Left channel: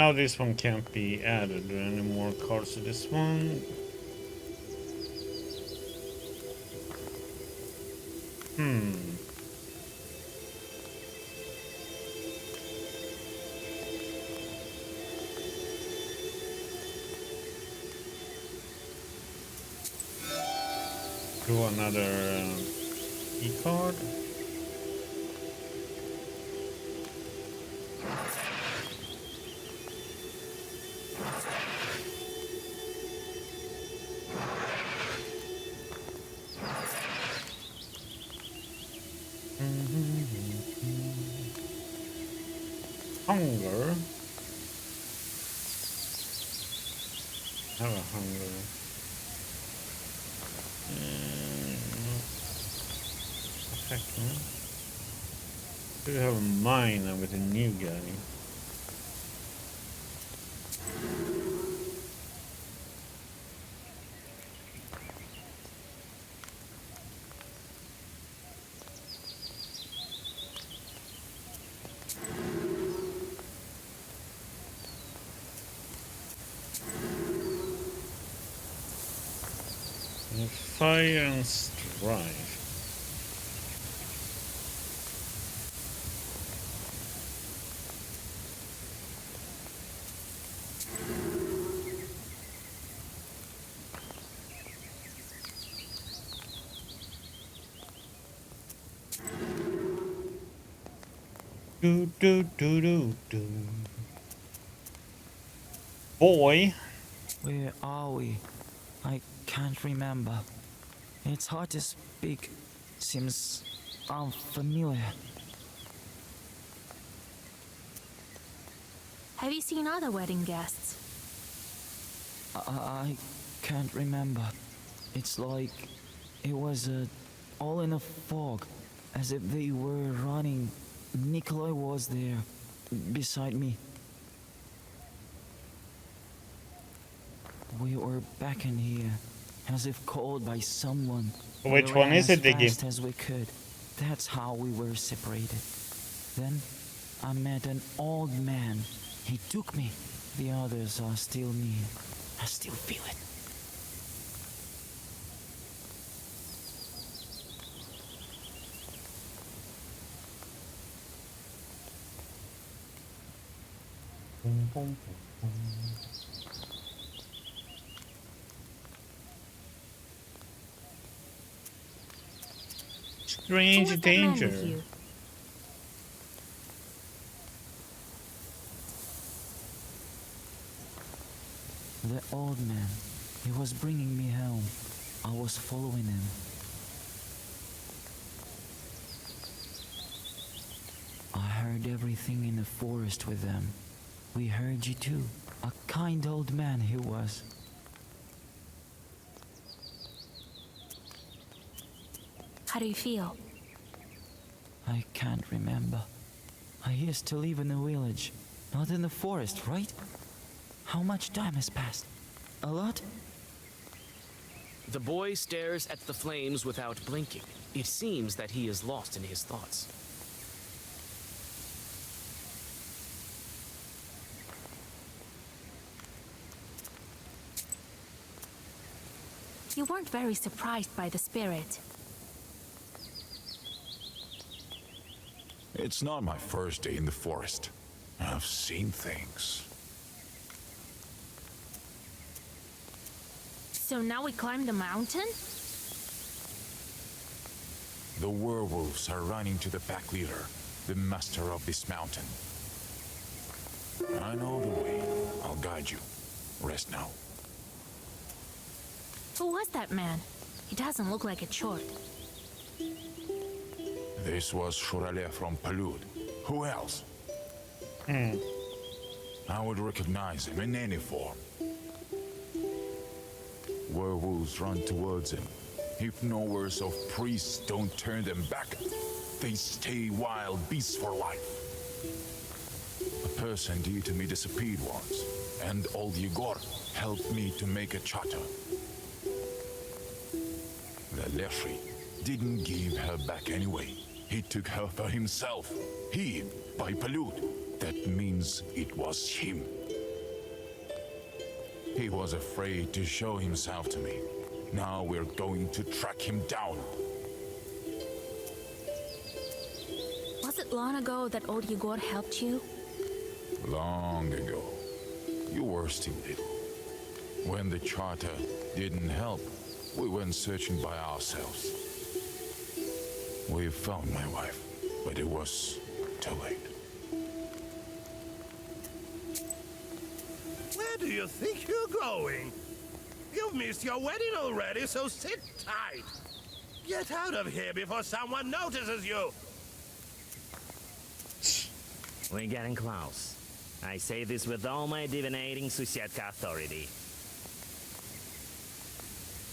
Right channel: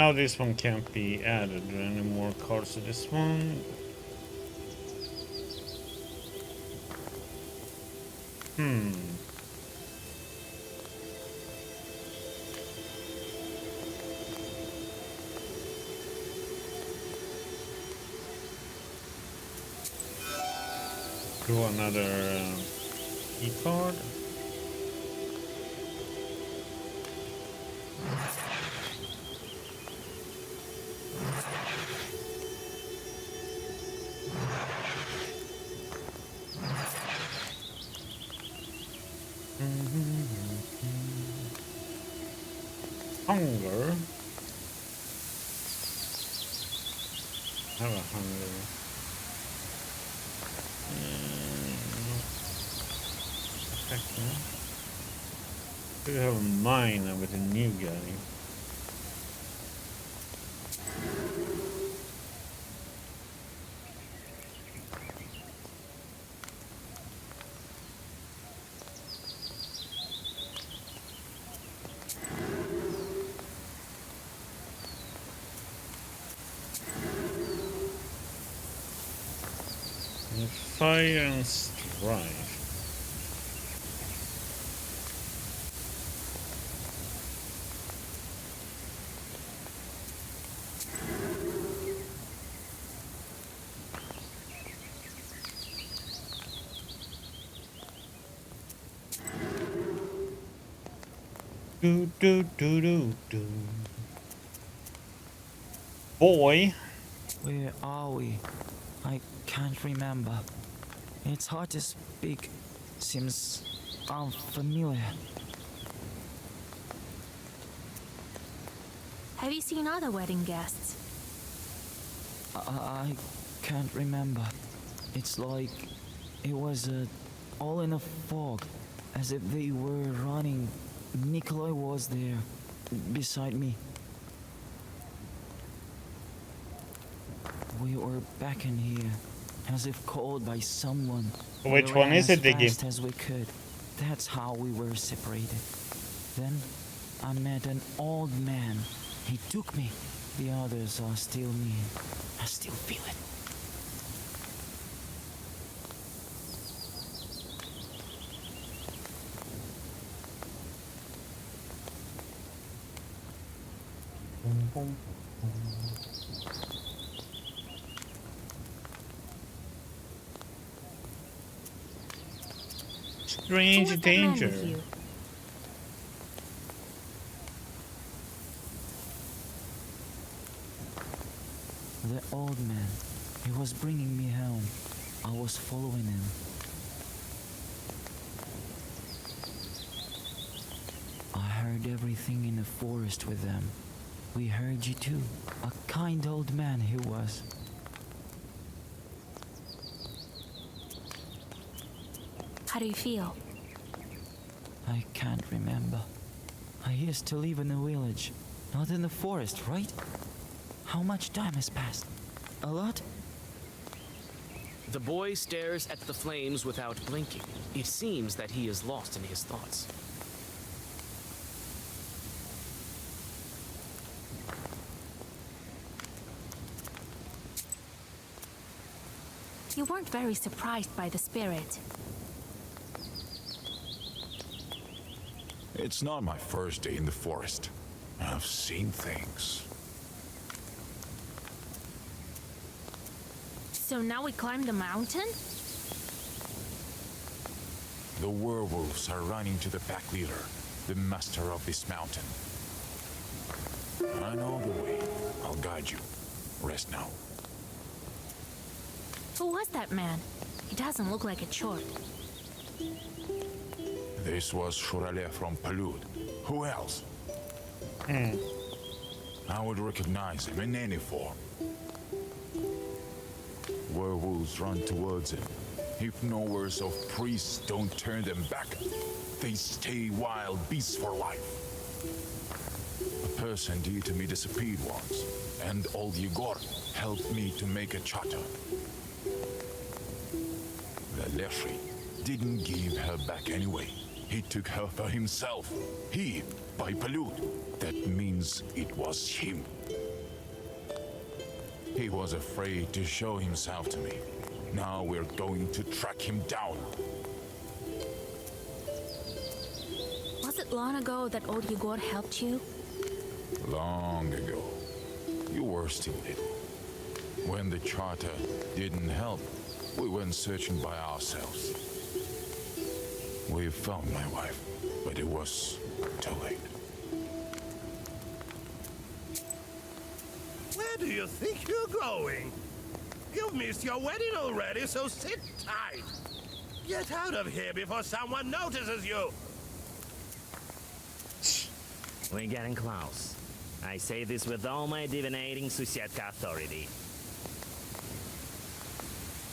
Now this one can't be added. Are there any more cards to this one? Hmm. Draw another key card. Hunger. I have a hunger. Effect, man. Do have a mine with a new guy. Fire and strife. Do do do do do. Boy. Where are we? I can't remember. It's hard to speak. Seems unfamiliar. Have you seen other wedding guests? I can't remember. It's like it was all in a fog, as if they were running. Nikolai was there, beside me. We were back in here, as if called by someone. Which We one ran is it, as Diggy? fast as we could. That's how we were separated. Then I met an old man. He took me. The others are still near. I still feel it. Who Strange was that man danger. with you? The old man. He was bringing me home. I was following him. I heard everything in the forest with them. We heard you too. A kind old man he was. How do you feel? I can't remember. I used to live in a village, not in the forest, right? How much time has passed? A lot? The boy stares at the flames without blinking. It seems that he is lost in his thoughts. You weren't very surprised by the spirit. It's not my first day in the forest. I've seen things. So now we climb the mountain? The werewolves are running to the pack leader, the master of this mountain. I know the way. I'll guide you. Rest now. Who was that man? He doesn't look like a chort. This was Shurale from Palud. Who else? I would recognize him in any form. Werewolves run towards him. If knowers of priests don't turn them back, they stay wild beasts for life. A person dear to me disappeared once, and old Yegor helped me to make a charter. The Leshri didn't give her back anyway. He took her for himself. He, by Palud. That means it was him. He was afraid to show himself to me. Now we're going to track him down. Was it long ago that old Igor helped you? Long ago. You were still little. When the charter didn't help, we went searching by ourselves. We found my wife, but it was too late. Where do you think you're going? You've missed your wedding already, so sit tight. Get out of here before someone notices you. We're getting close. I say this with all my divinating Susietka authority.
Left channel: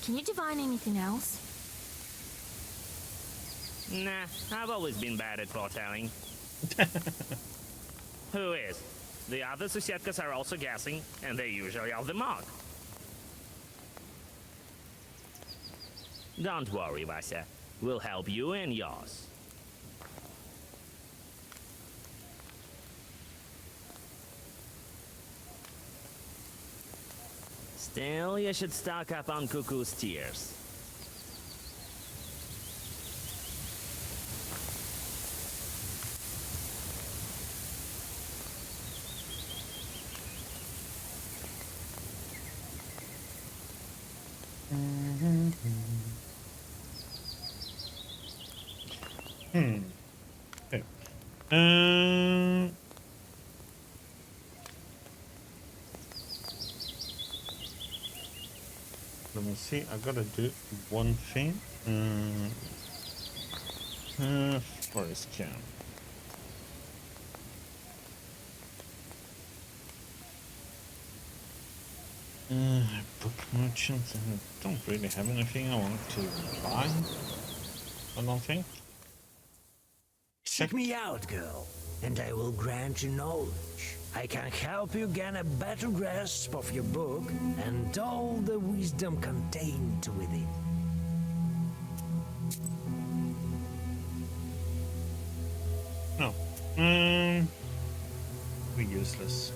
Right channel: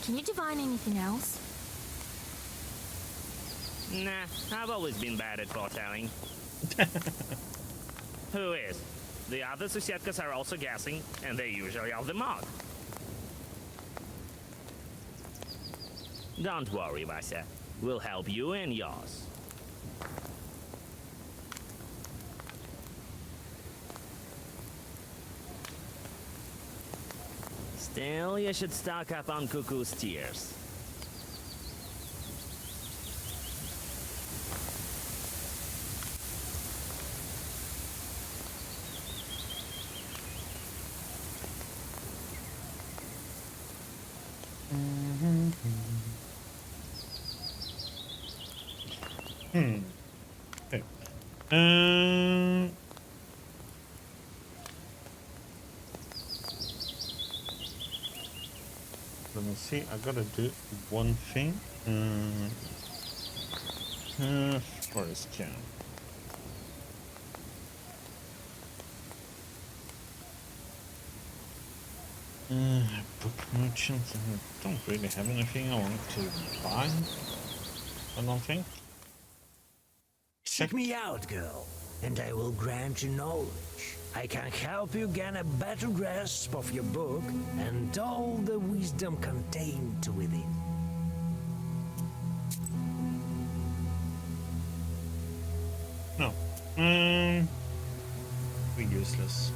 Can you divine anything else? Nah, I've always been bad at foretelling. Who is? The other Susietkas are also guessing, and they usually are the mark. Don't worry, Vasya. We'll help you and yours. Still, you should stock up on Cuckoo's tears. Okay. Let me see. I gotta do one thing. Forest camp. Book merchants. I don't really have anything I want to buy. I don't think. Seek me out, girl, and I will grant you knowledge. I can help you gain a better grasp of your book and all the wisdom contained within. No. We're useless.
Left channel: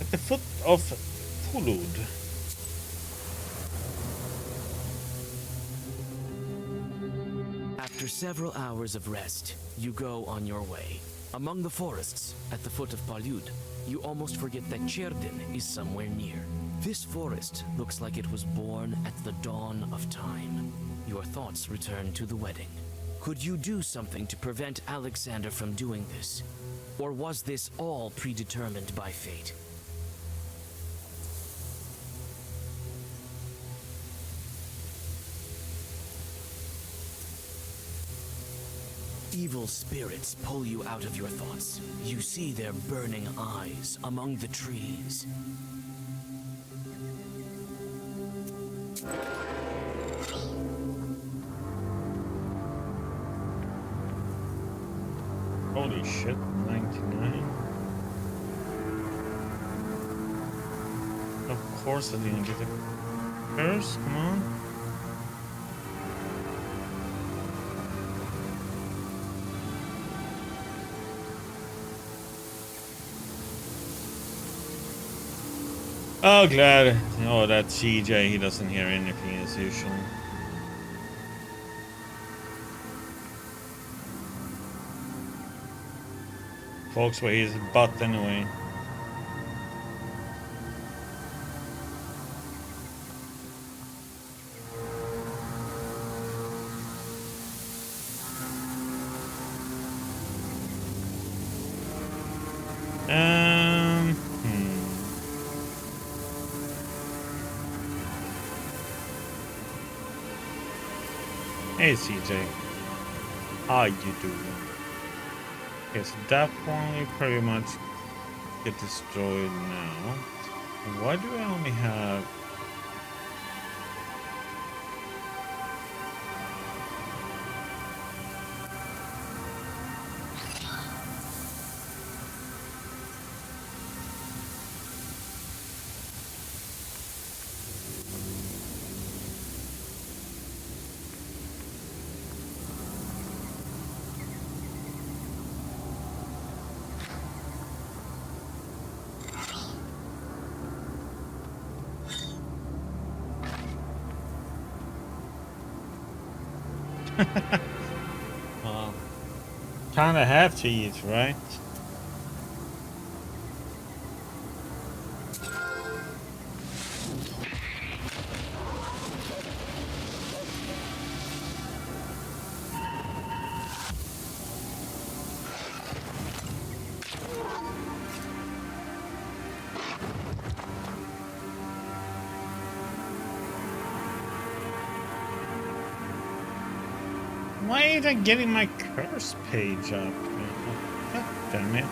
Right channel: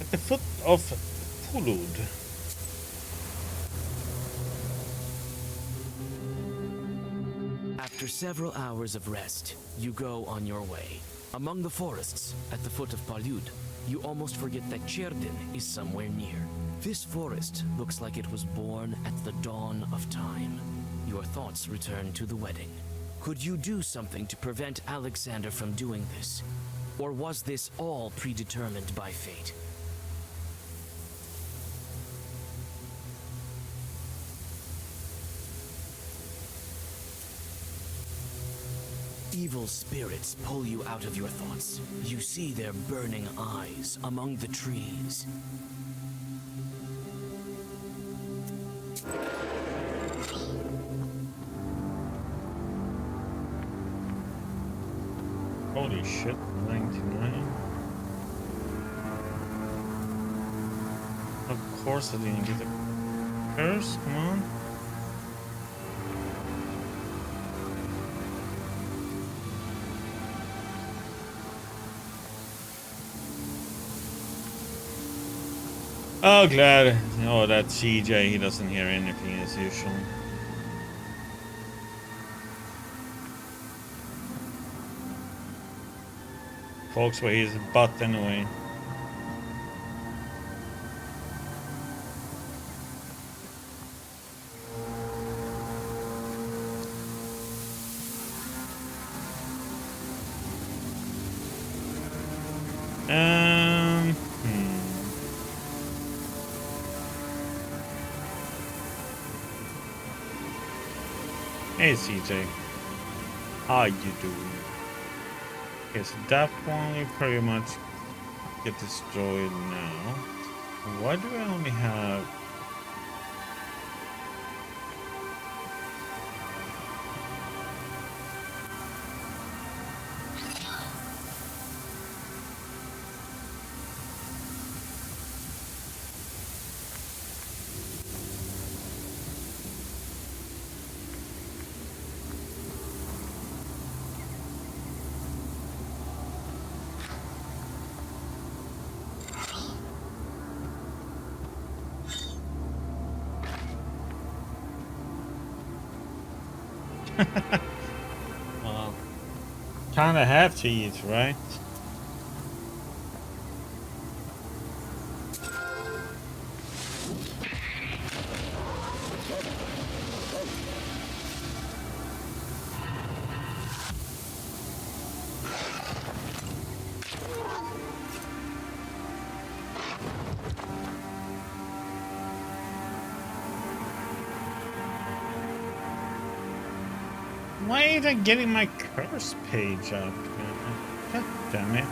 At the foot of Pulud. After several hours of rest, you go on your way. Among the forests, at the foot of Palyud, you almost forget that Cherdin is somewhere near. This forest looks like it was born at the dawn of time. Your thoughts return to the wedding. Could you do something to prevent Alexander from doing this? Or was this all predetermined by fate? Evil spirits pull you out of your thoughts. You see their burning eyes among the trees. Holy shit, 99. Of course I didn't get a curse, come on. Oh, glad. Oh, that CJ, he doesn't hear anything as usual. Folks, where his butt anyway. Hey CJ, how you doing? Yes, that one will pretty much get destroyed now. Why do I only have... Well, kinda have to eat, right? Why ain't I getting my curse page up? God damn it.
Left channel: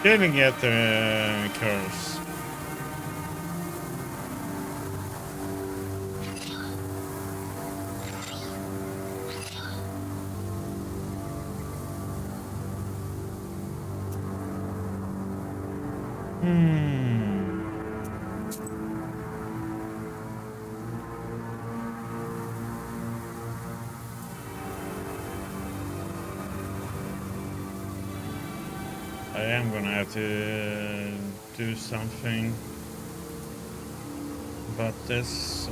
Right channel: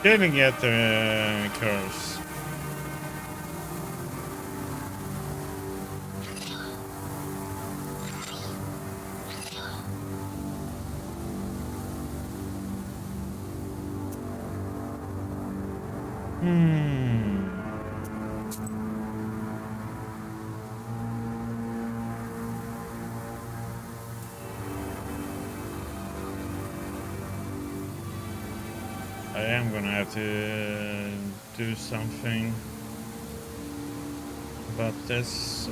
Didn't get the curse. I am gonna have to do something about this.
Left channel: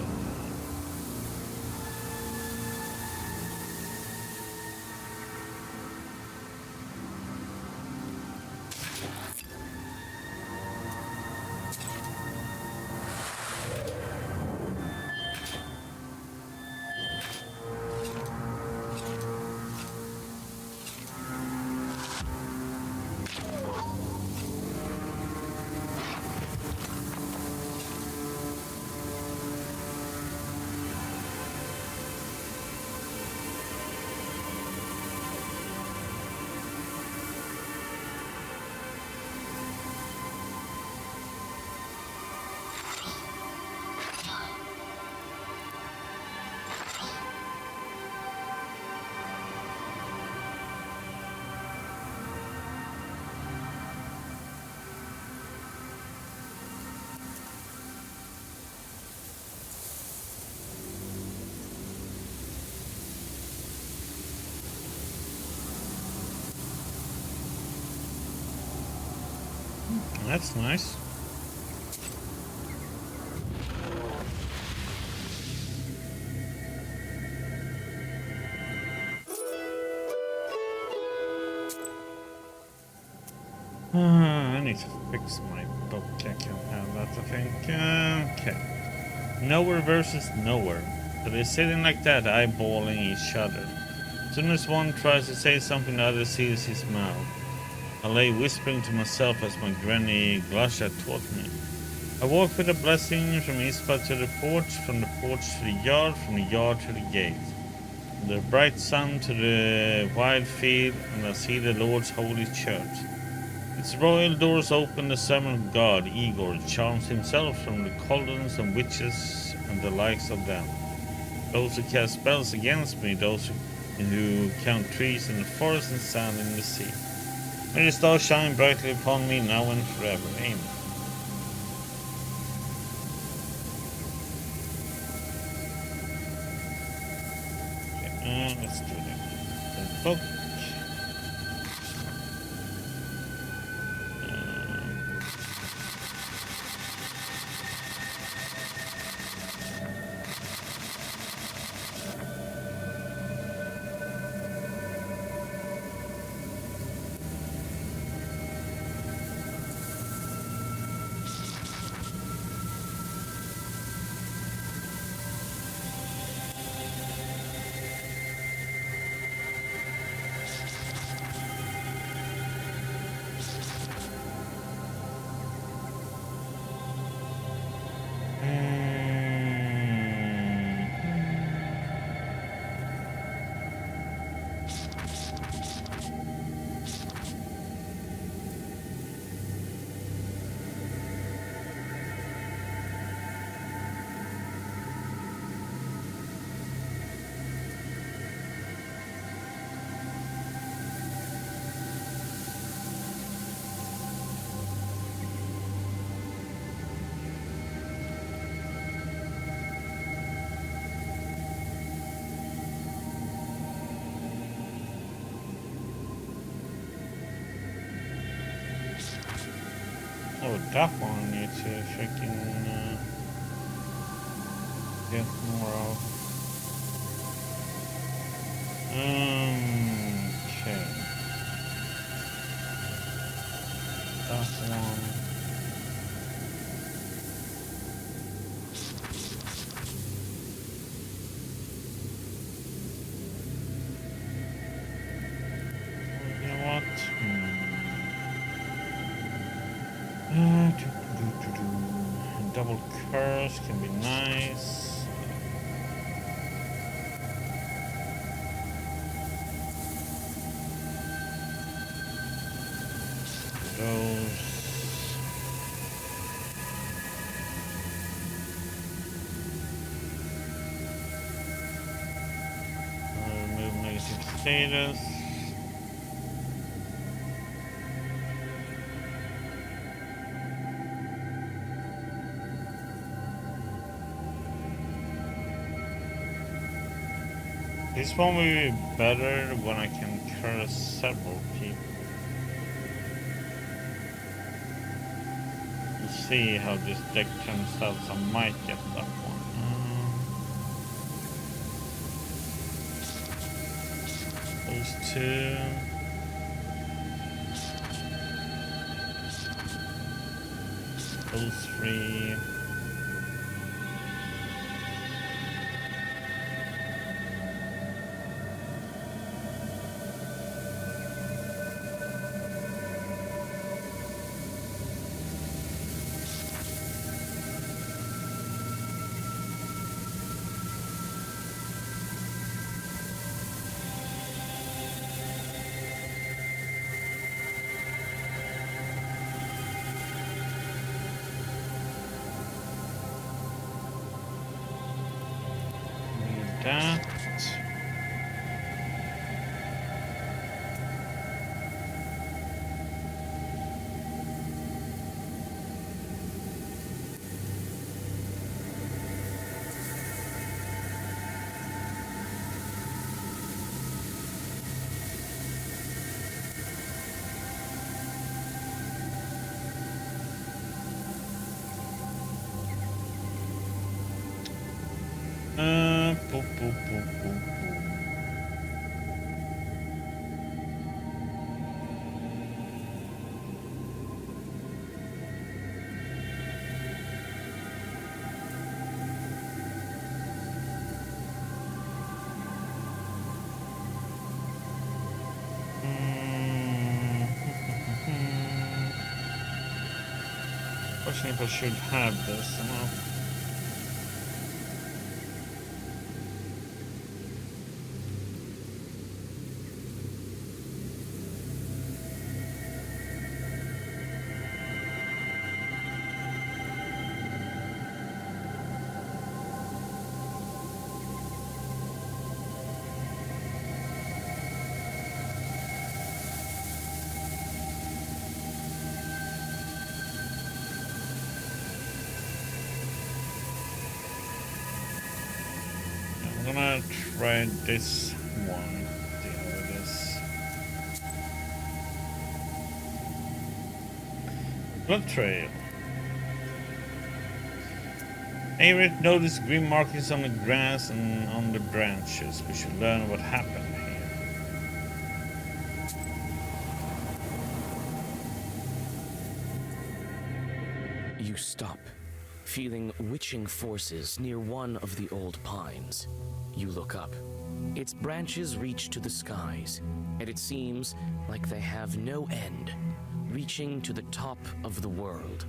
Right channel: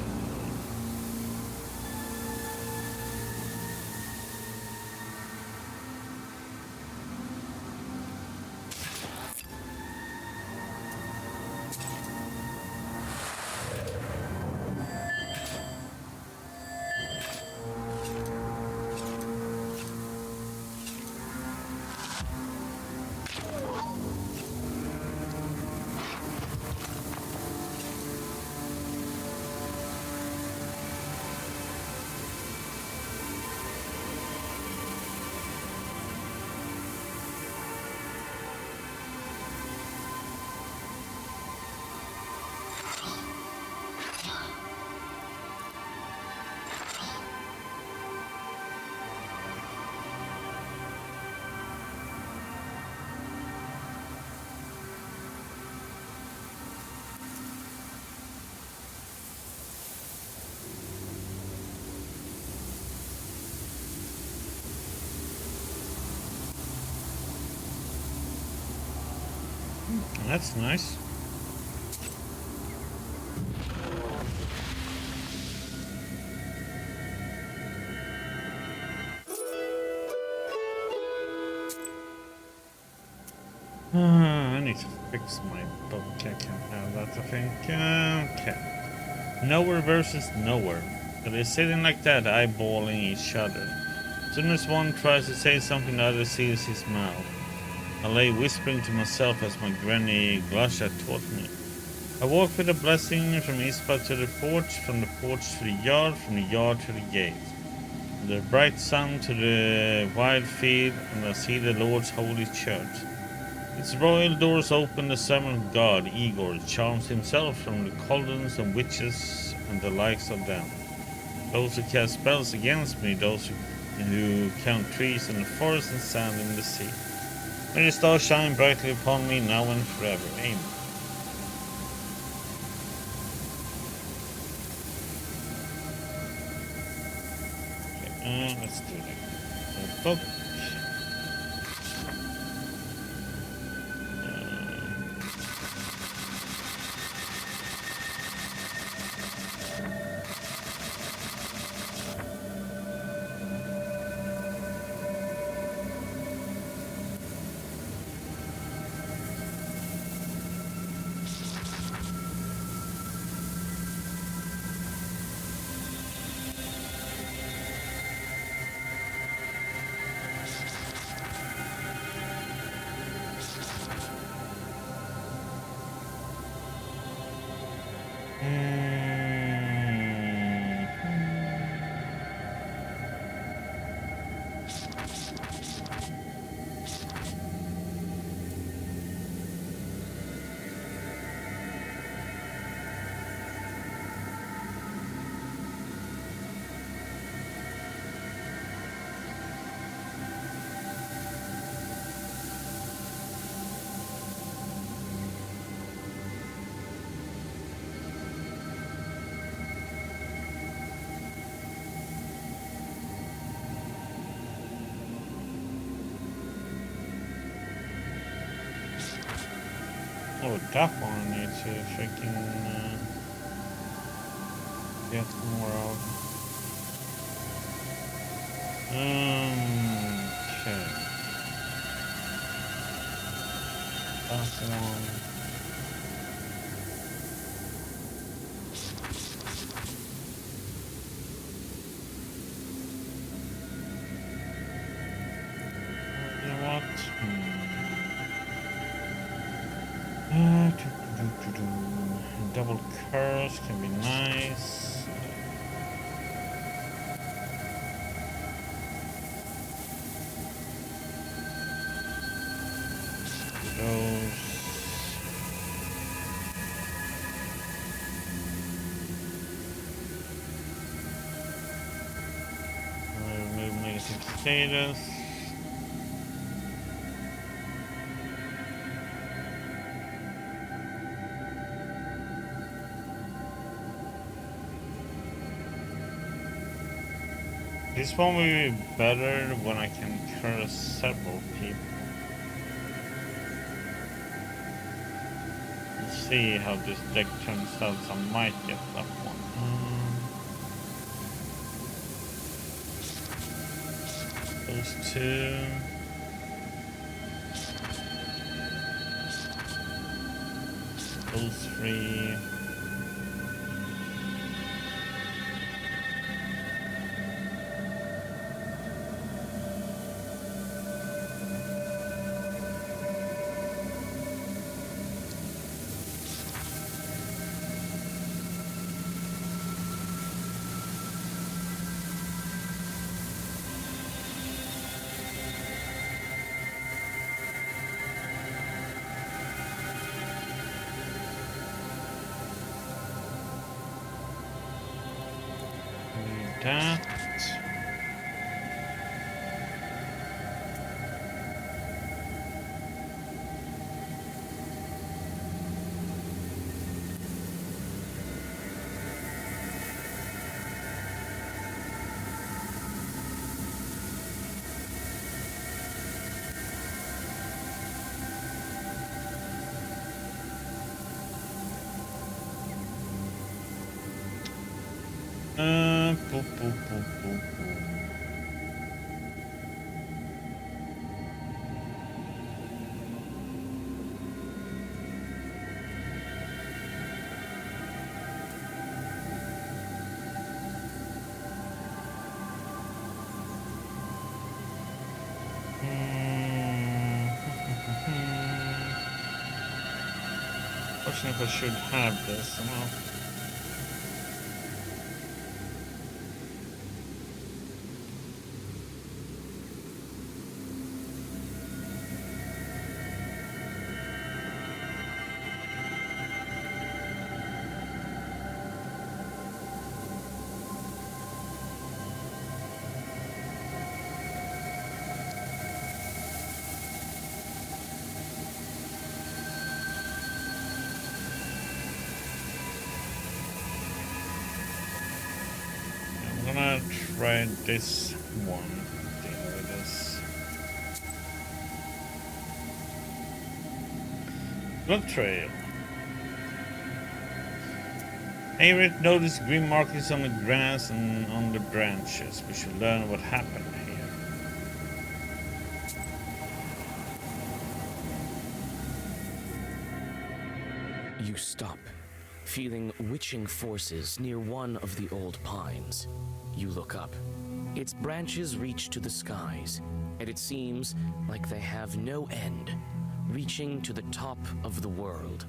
That's nice. I need to fix my book. I can't have that, I think. Okay. Nowhere versus nowhere. So they're sitting like that, eyeballing each other. As soon as one tries to say something, the other seals his mouth. I lay whispering to myself as my granny Glasha taught me. I walk with a blessing from Ispa to the porch, from the porch to the yard, from the yard to the gate. From the bright sun to the wide field, and I see the Lord's holy church. Its royal doors open, the servant of God, Igor, charms himself from the Coldens and witches and the likes of them. Those who cast spells against me, those who count trees in the forest and sand in the sea. May the stars shine brightly upon me now and forever. Amen. Okay, let's do that. The book. Oh, that one I need to freaking get more of. Okay. That one. You know what? Double curse can be nice. Those. Remove negative status. This one will be better when I can curse several people. We'll see how this deck turns out. I might get that one. Those two. Those three. That. Boop, boop, boop, boop, boop. Fortunately, I should have this. Well, I'm gonna try this one. See how it is. Blood trail. Aerith noticed green markings on the grass and on the branches. We should learn what happened here. You stop, feeling witching forces near one of the old pines. You look up. Its branches reach to the skies, and it seems like they have no end, reaching to the top of the world.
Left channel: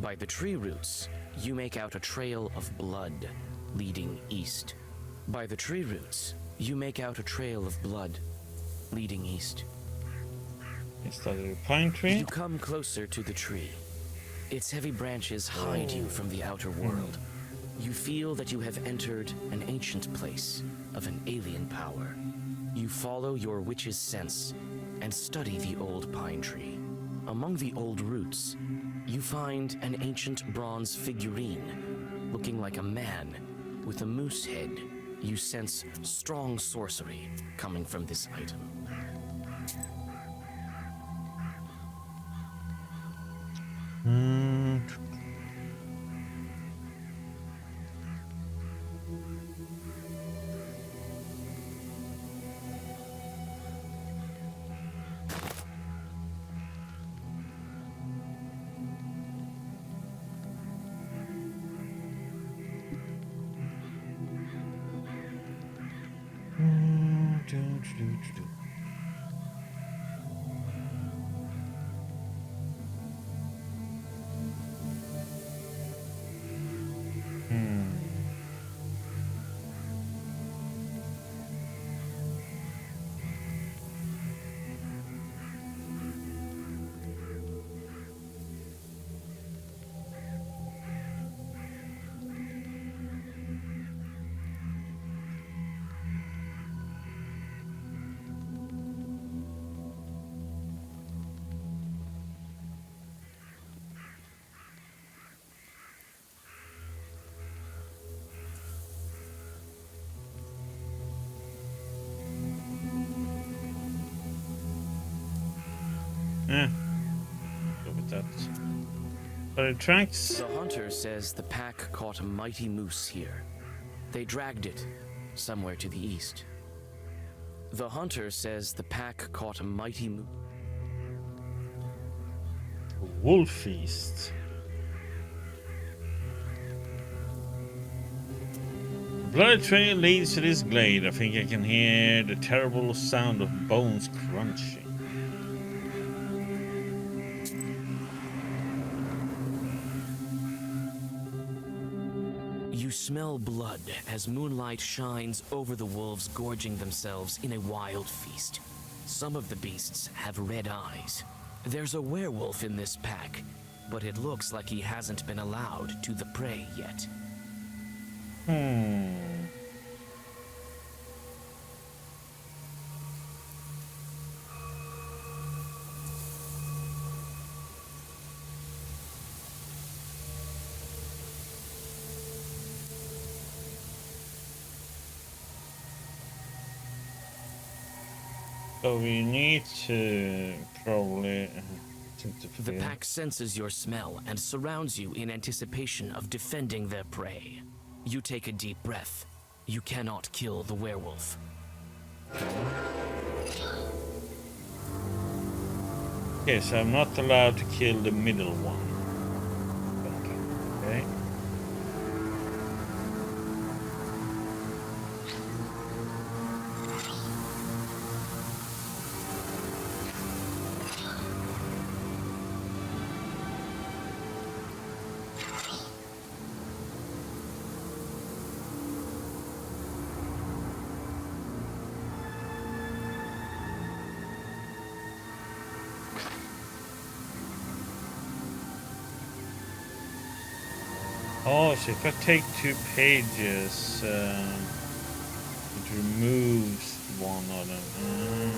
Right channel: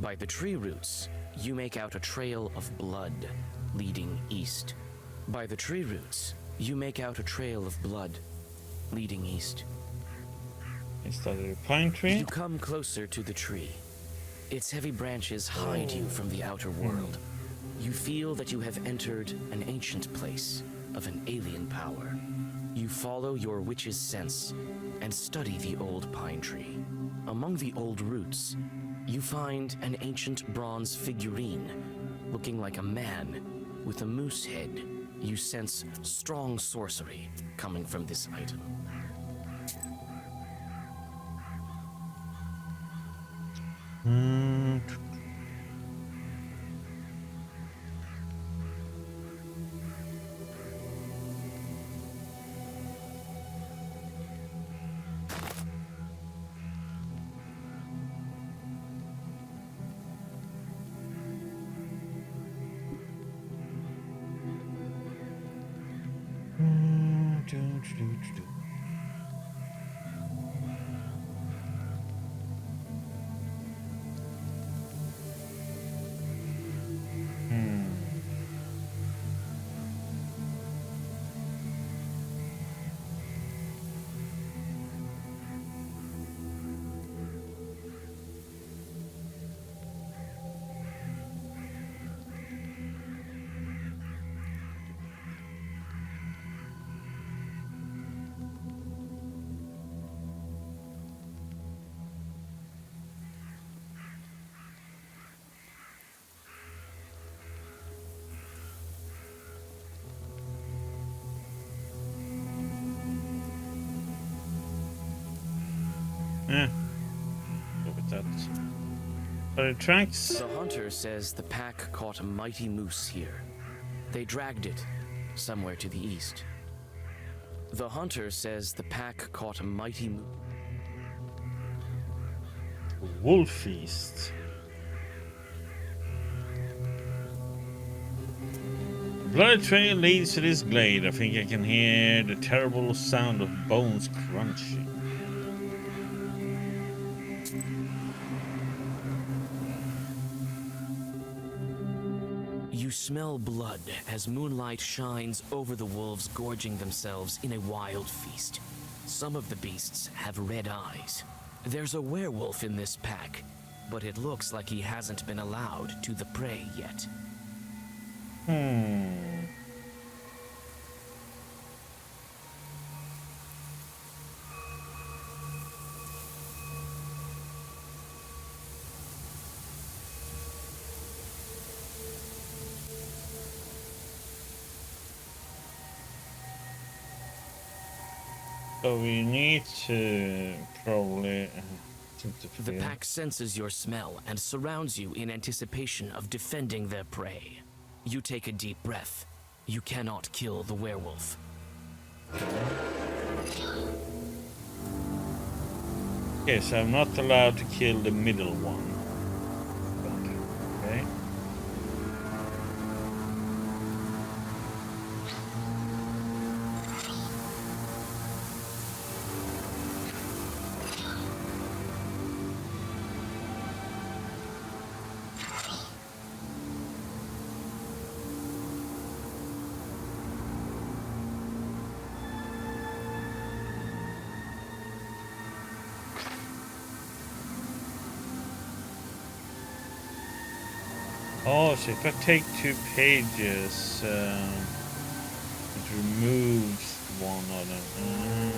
By the tree roots, you make out a trail of blood leading east. By the tree roots, you make out a trail of blood leading east. Is that a pine tree? You come closer to the tree. Its heavy branches hide you from the outer world. You feel that you have entered an ancient place of an alien power. You follow your witch's sense and study the old pine tree. Among the old roots, you find an ancient bronze figurine looking like a man with a moose head. You sense strong sorcery coming from this item. Go with that. But it tracks. The hunter says the pack caught a mighty moose here. They dragged it somewhere to the east. The hunter says the pack caught a mighty moose. Wolf feast. The bloody trail leads to this glade. I think I can hear the terrible sound of bones crunching. You smell blood as moonlight shines over the wolves gorging themselves in a wild feast. Some of the beasts have red eyes. There's a werewolf in this pack, but it looks like he hasn't been allowed to the prey yet. So we need to probably The pack senses your smell and surrounds you in anticipation of defending their prey. You take a deep breath. You cannot kill the werewolf. Okay, so I'm not allowed to kill the middle one. Okay. Oh, so if I take 2 pages, it removes one of them.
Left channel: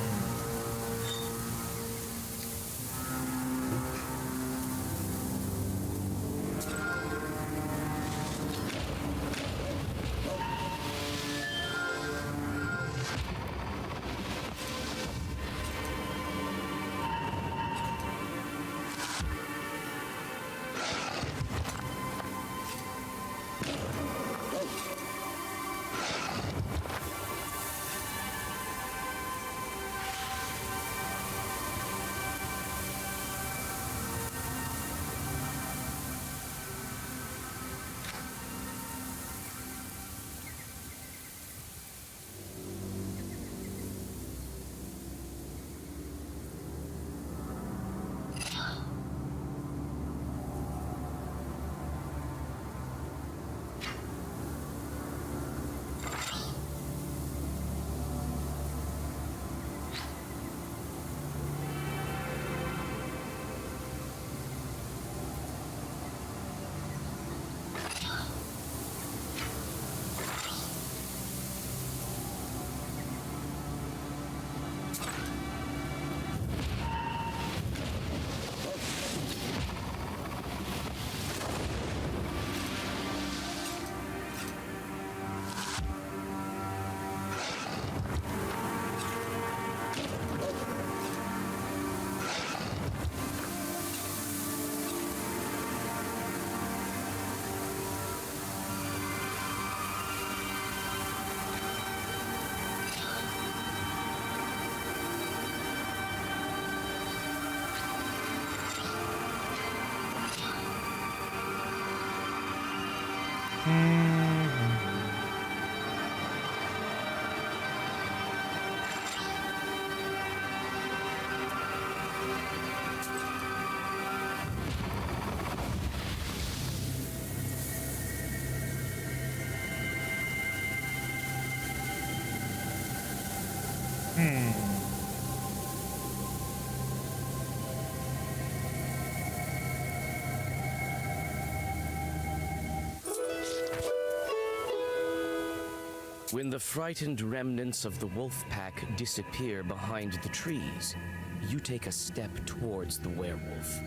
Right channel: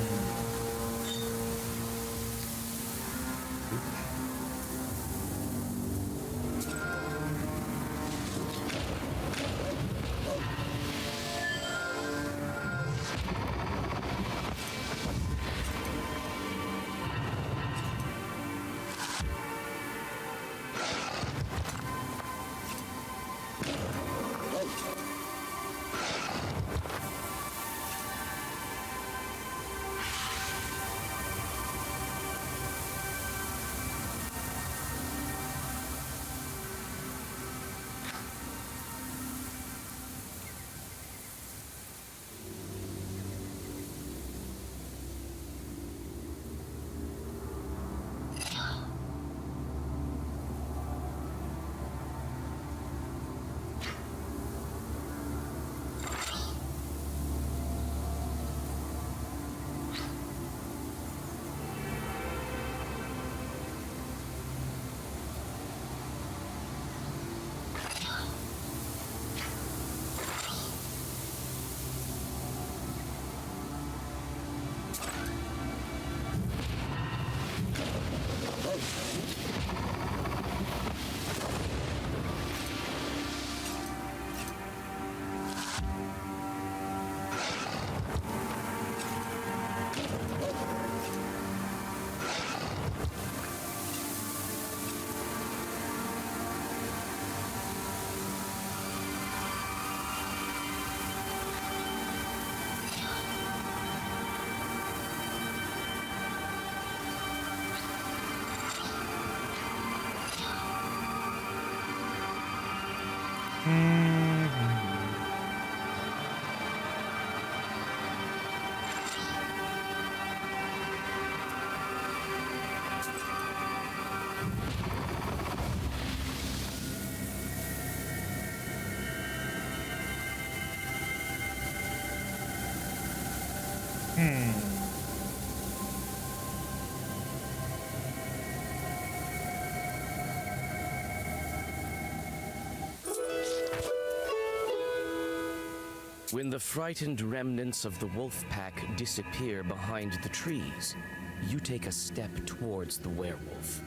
When the frightened remnants of the wolf pack disappear behind the trees, you take a step towards the werewolf.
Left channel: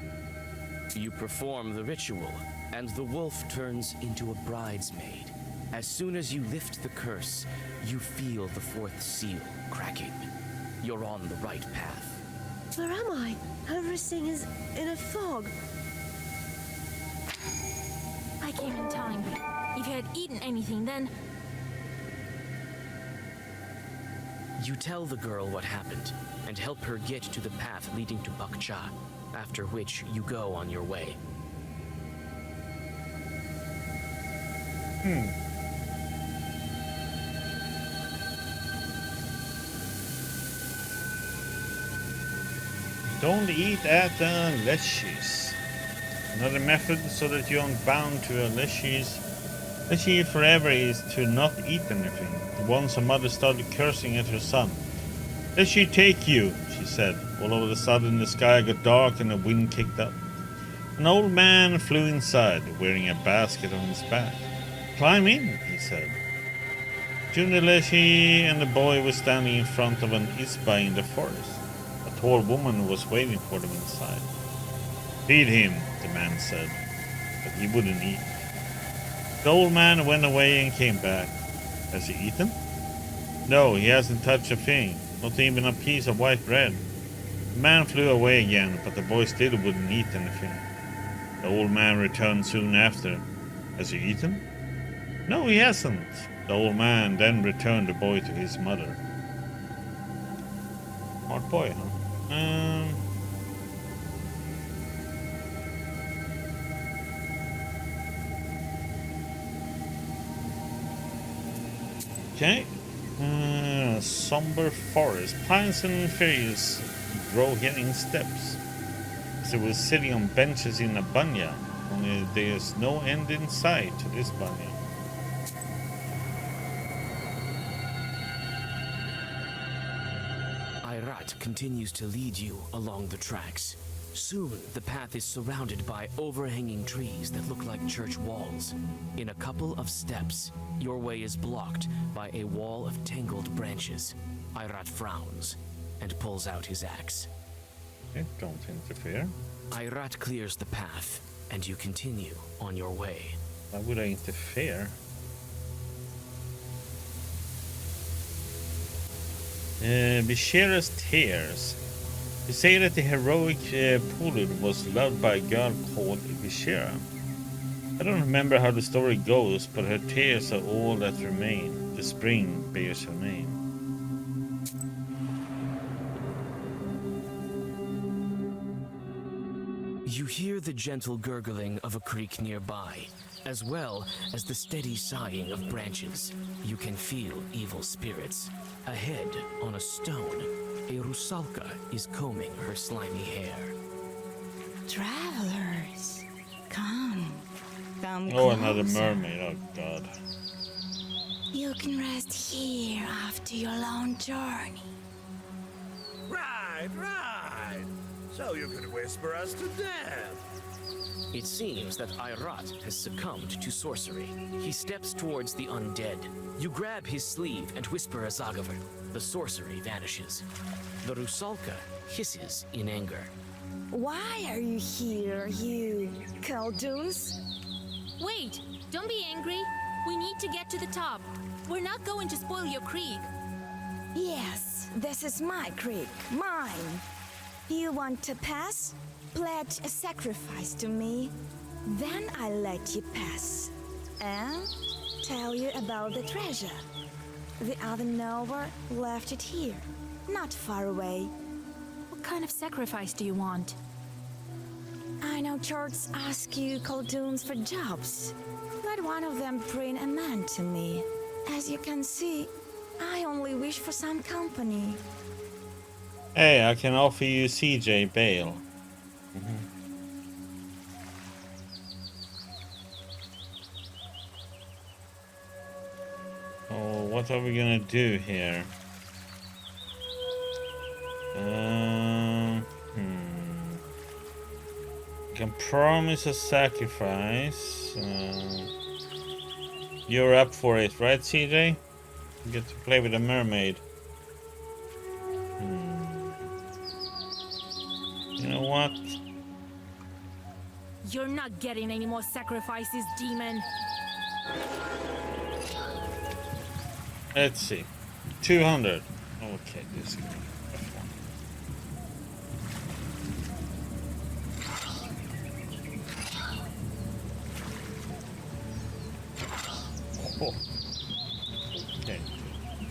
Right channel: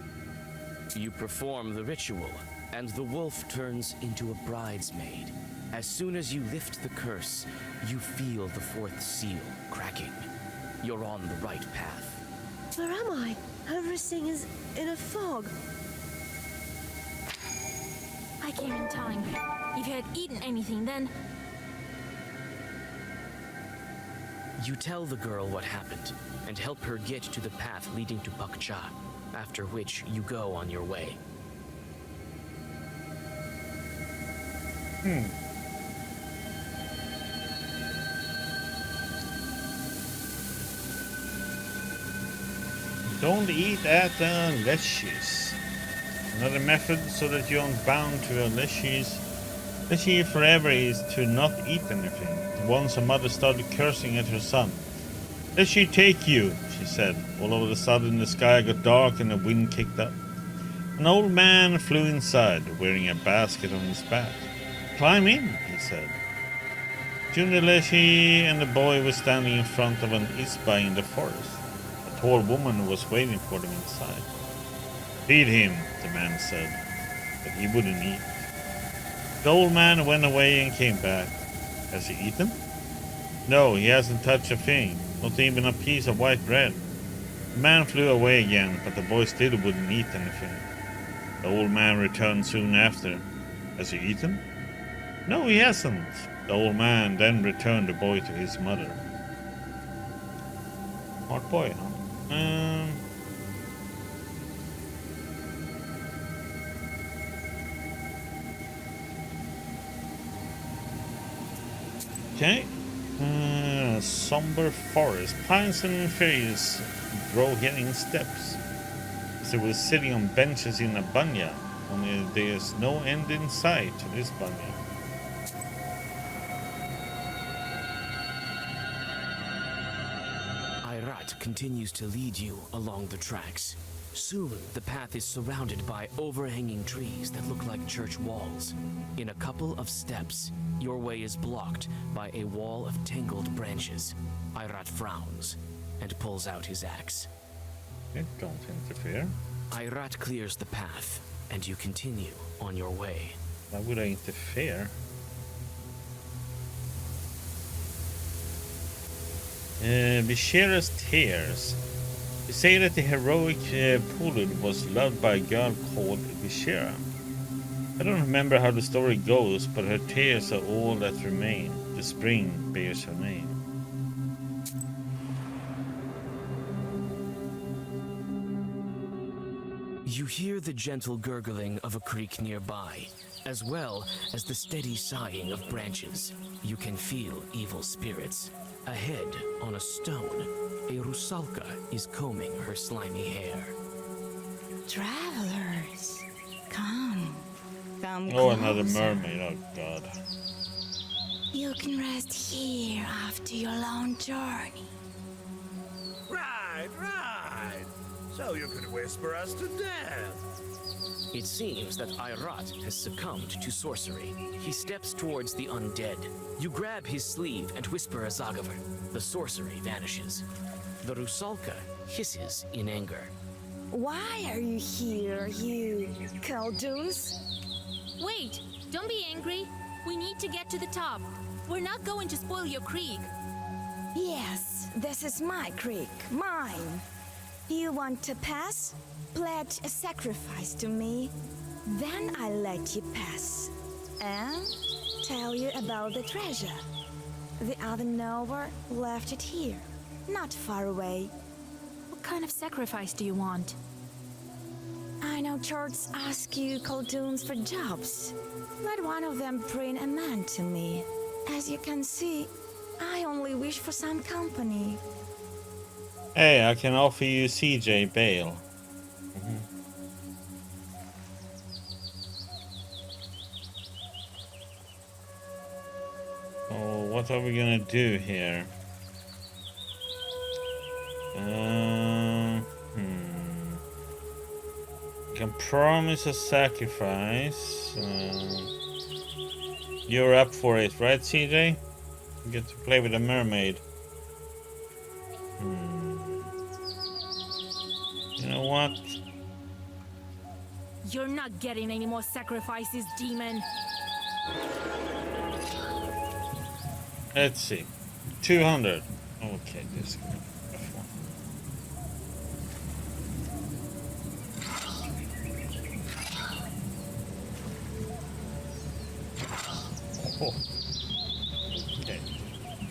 You perform the ritual, and the wolf turns into a bridesmaid. As soon as you lift the curse, you feel the fourth seal cracking. You're on the right path. Where am I? Everything is in a fog. I came in time. If you had eaten anything, then You tell the girl what happened, and help her get to the path leading to Bakcha, after which you go on your way. Don't eat at the leashes. Another method so that you aren't bound to a leashes. Leash forever is to not eat anything. Once a mother started cursing at her son. "Let she take you," she said. All of a sudden the sky got dark and the wind kicked up. An old man flew inside, wearing a basket on his back. "Climb in," he said. Junior Leshi and the boy were standing in front of an isba in the forest. A tall woman was waiting for them inside. "Feed him," the man said, but he wouldn't eat. The old man went away and came back. "Has he eaten?" "No, he hasn't touched a thing, not even a piece of white bread." The man flew away again, but the boy still wouldn't eat anything. The old man returned soon after. "Has he eaten?" "No, he hasn't." The old man then returned the boy to his mother. Smart boy, huh? Okay. Somber forest. Pines and trees grow here in steps. They were sitting on benches in a banya, only there's no end in sight to this banya. Ayrat continues to lead you along the tracks. Soon, the path is surrounded by overhanging trees that look like church walls. In a couple of steps, your way is blocked by a wall of tangled branches. Ayrat frowns and pulls out his axe. Okay, don't interfere. Ayrat clears the path, and you continue on your way. Why would I interfere? Vishera's tears. They say that the heroic Pulud was loved by a girl called Vishera. I don't remember how the story goes, but her tears are all that remain. The spring bears her name. You hear the gentle gurgling of a creek nearby, as well as the steady sighing of branches. You can feel evil spirits. Ahead, on a stone, a rusalka is combing her slimy hair. Travelers, come Oh, another closer. mermaid. Oh, God. You can rest here after your long journey. Right, right. So you could whisper us to death. It seems that Ayrat has succumbed to sorcery. He steps towards the undead. You grab his sleeve and whisper a Zagaver. The sorcery vanishes. The rusalka hisses in anger. Why are you here, you Khaldus? wait, don't be angry. We need to get to the top. We're not going to spoil your creek. Yes, this is my creek, mine. You want to pass? Pledge a sacrifice to me. Then I'll let you pass. And tell you about the treasure. The other knower left it here, not far away. What kind of sacrifice do you want? I know churches ask you Khalduns for jobs. Let one of them bring a man to me. As you can see, I only wish for some company. Hey, I can offer you CJ bail. Oh, what are we gonna do here? Can promise a sacrifice. You're up for it, right, CJ? You get to play with a mermaid. You know what? You're not getting any more sacrifices, demon. Let's see. 200. Okay, this is gonna be a tough one. Oh. Okay.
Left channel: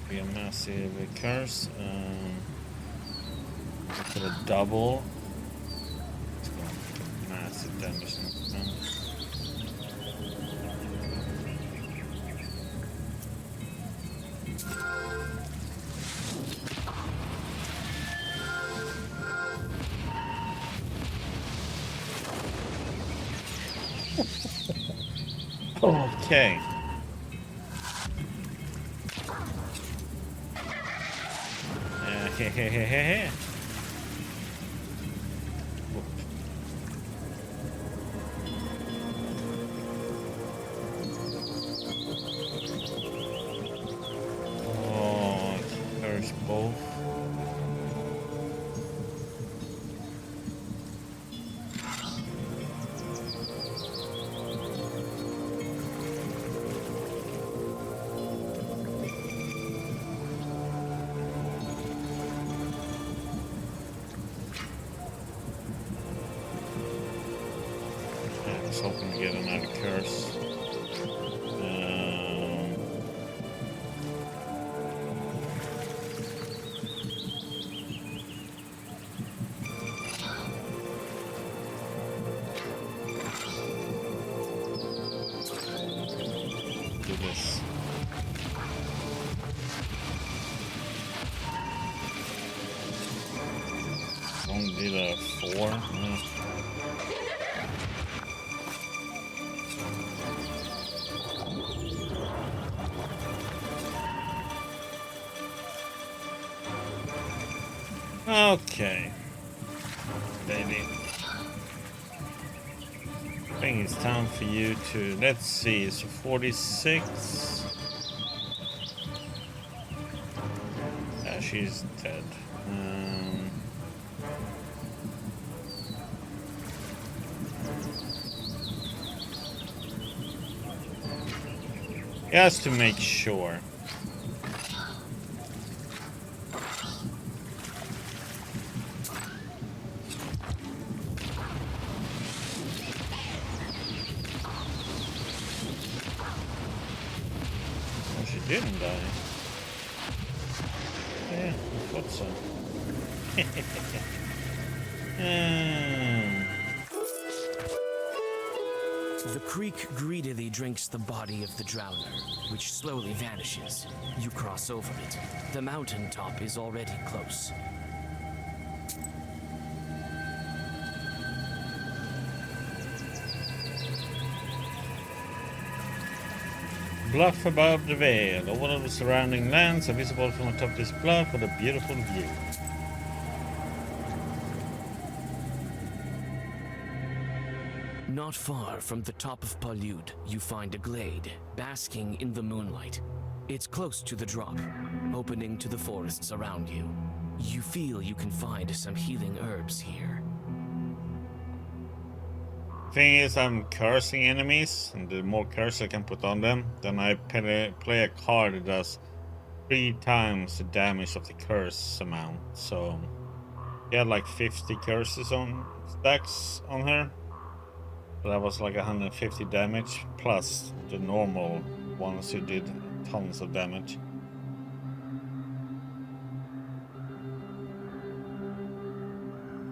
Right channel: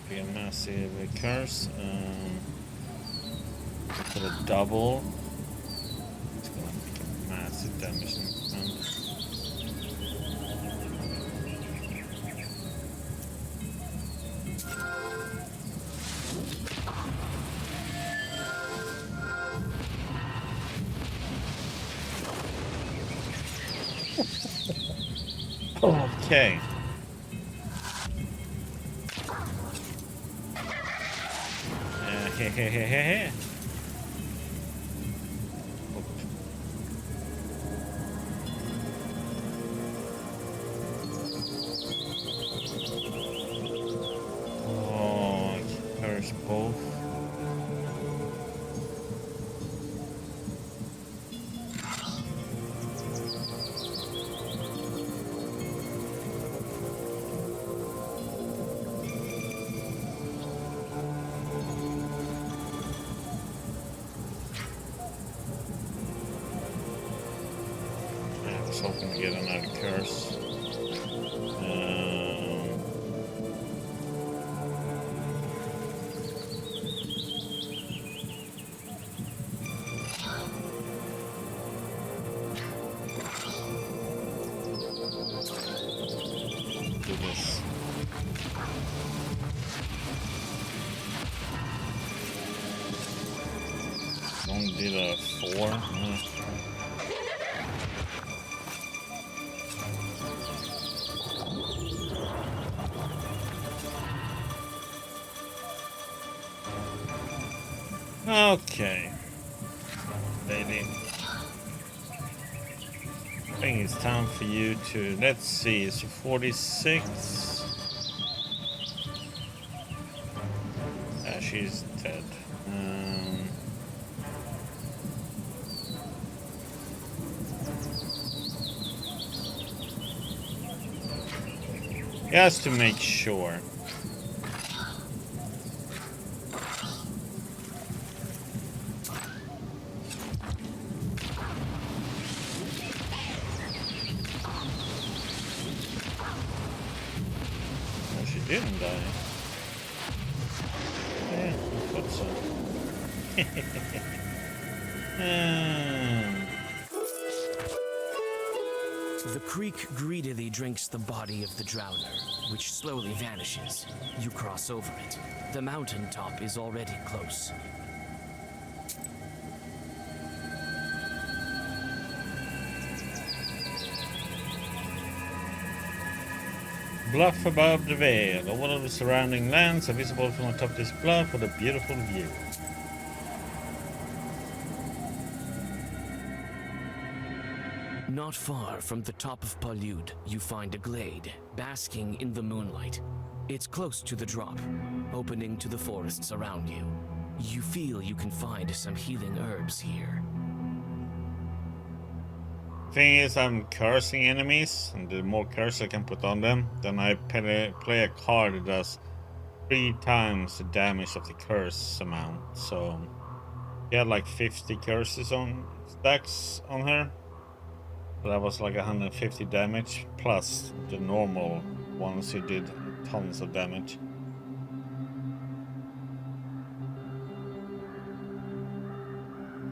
Be a massive curse. Put a double. It's gonna make a massive damage next time. Okay. Hehehehe. Oh, there's both. I was hoping to get another curse. Do this. Only did a 4. Okay, baby. I think it's time for you to, let's see, so 46. She's dead. Just to make sure. She didn't die. Yeah, I thought so. The creek greedily drinks the body of the drowner, which slowly vanishes. You cross over it. The mountaintop is already close. Bluff above the vale. All of the surrounding lands are visible from atop this bluff with a beautiful view. Not far from the top of Palyud, you find a glade, basking in the moonlight. It's close to the drop, opening to the forests around you. You feel you can find some healing herbs here. Thing is, I'm cursing enemies, and the more curse I can put on them, then I play a card that does 3 times the damage of the curse amount. So, he had like 50 curses on stacks on her. So that was like 150 damage, plus the normal ones who did tons of damage.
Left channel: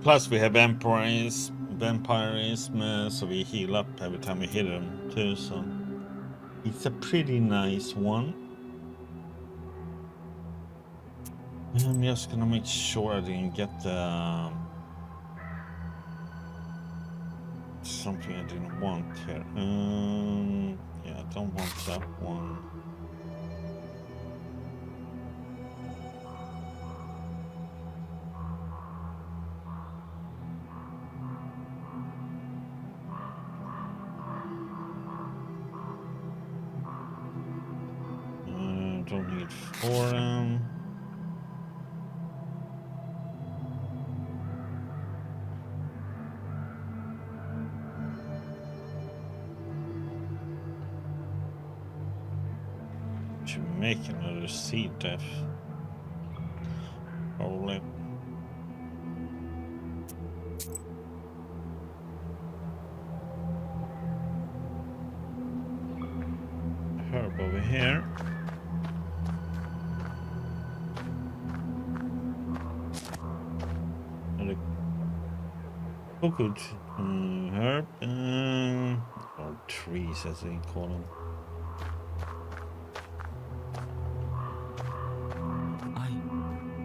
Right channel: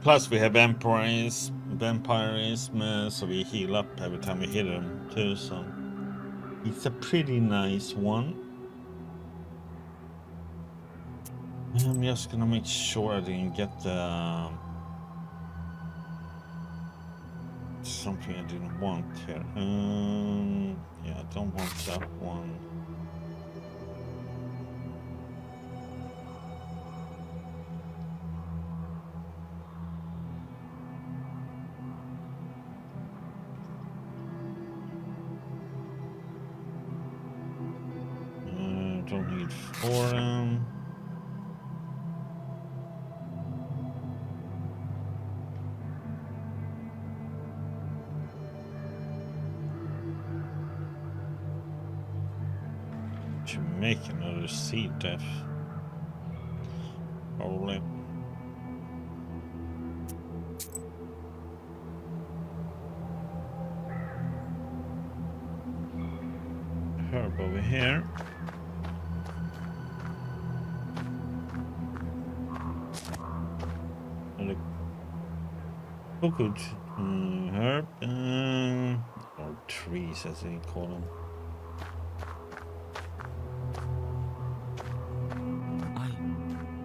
Plus we have vampirism, so we heal up every time we hit them too, so it's a pretty nice one. I'm just gonna make sure I didn't get the something I didn't want here. Yeah, I don't want that one. don't need forum. Should make another seed def. Probably. Herb over here. Another cooked herb, or trees as they call them.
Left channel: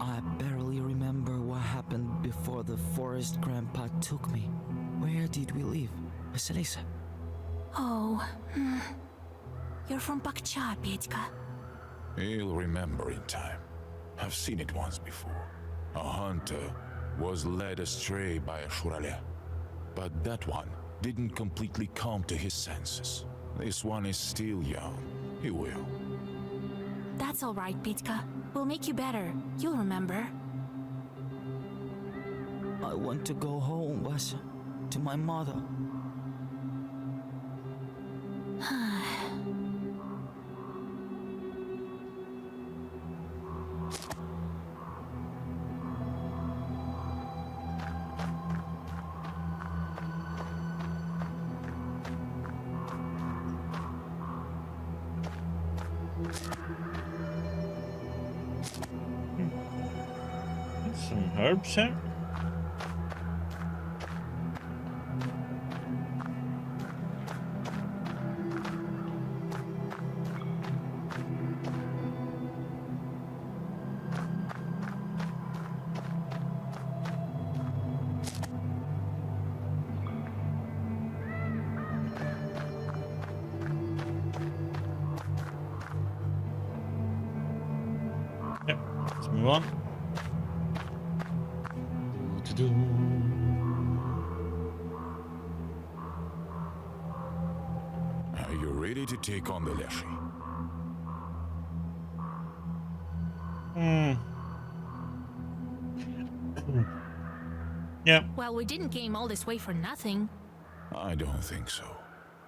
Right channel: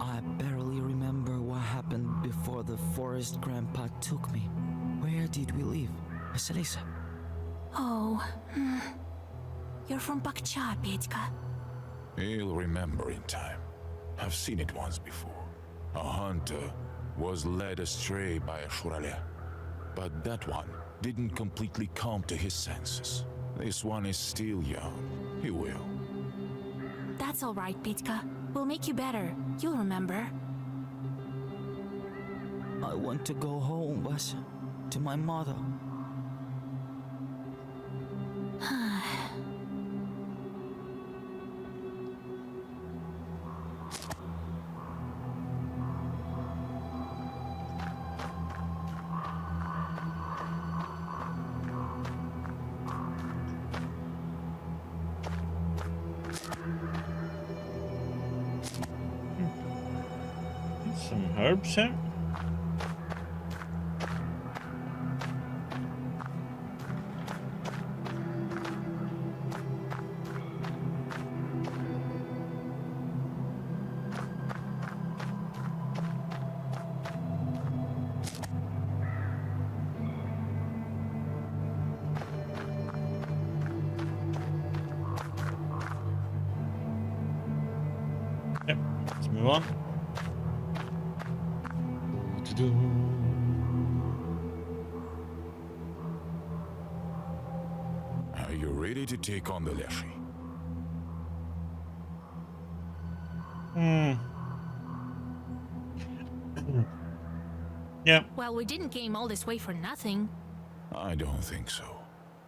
I barely remember what happened before the forest grandpa took me. Where did we live, Vasilisa? Oh, you're from Pakcha, Petька. He'll remember in time. I've seen it once before. A hunter was led astray by a Shurale. But that one didn't completely come to his senses. This one is still young. He will. That's all right, Petька. We'll make you better. You'll remember. I want to go home, Vasa. To my mother. Some herbs here. Yep, let's move on. Are you ready to take on the Leshy? Yeah. Well, we didn't came all this way for nothing. I don't think so.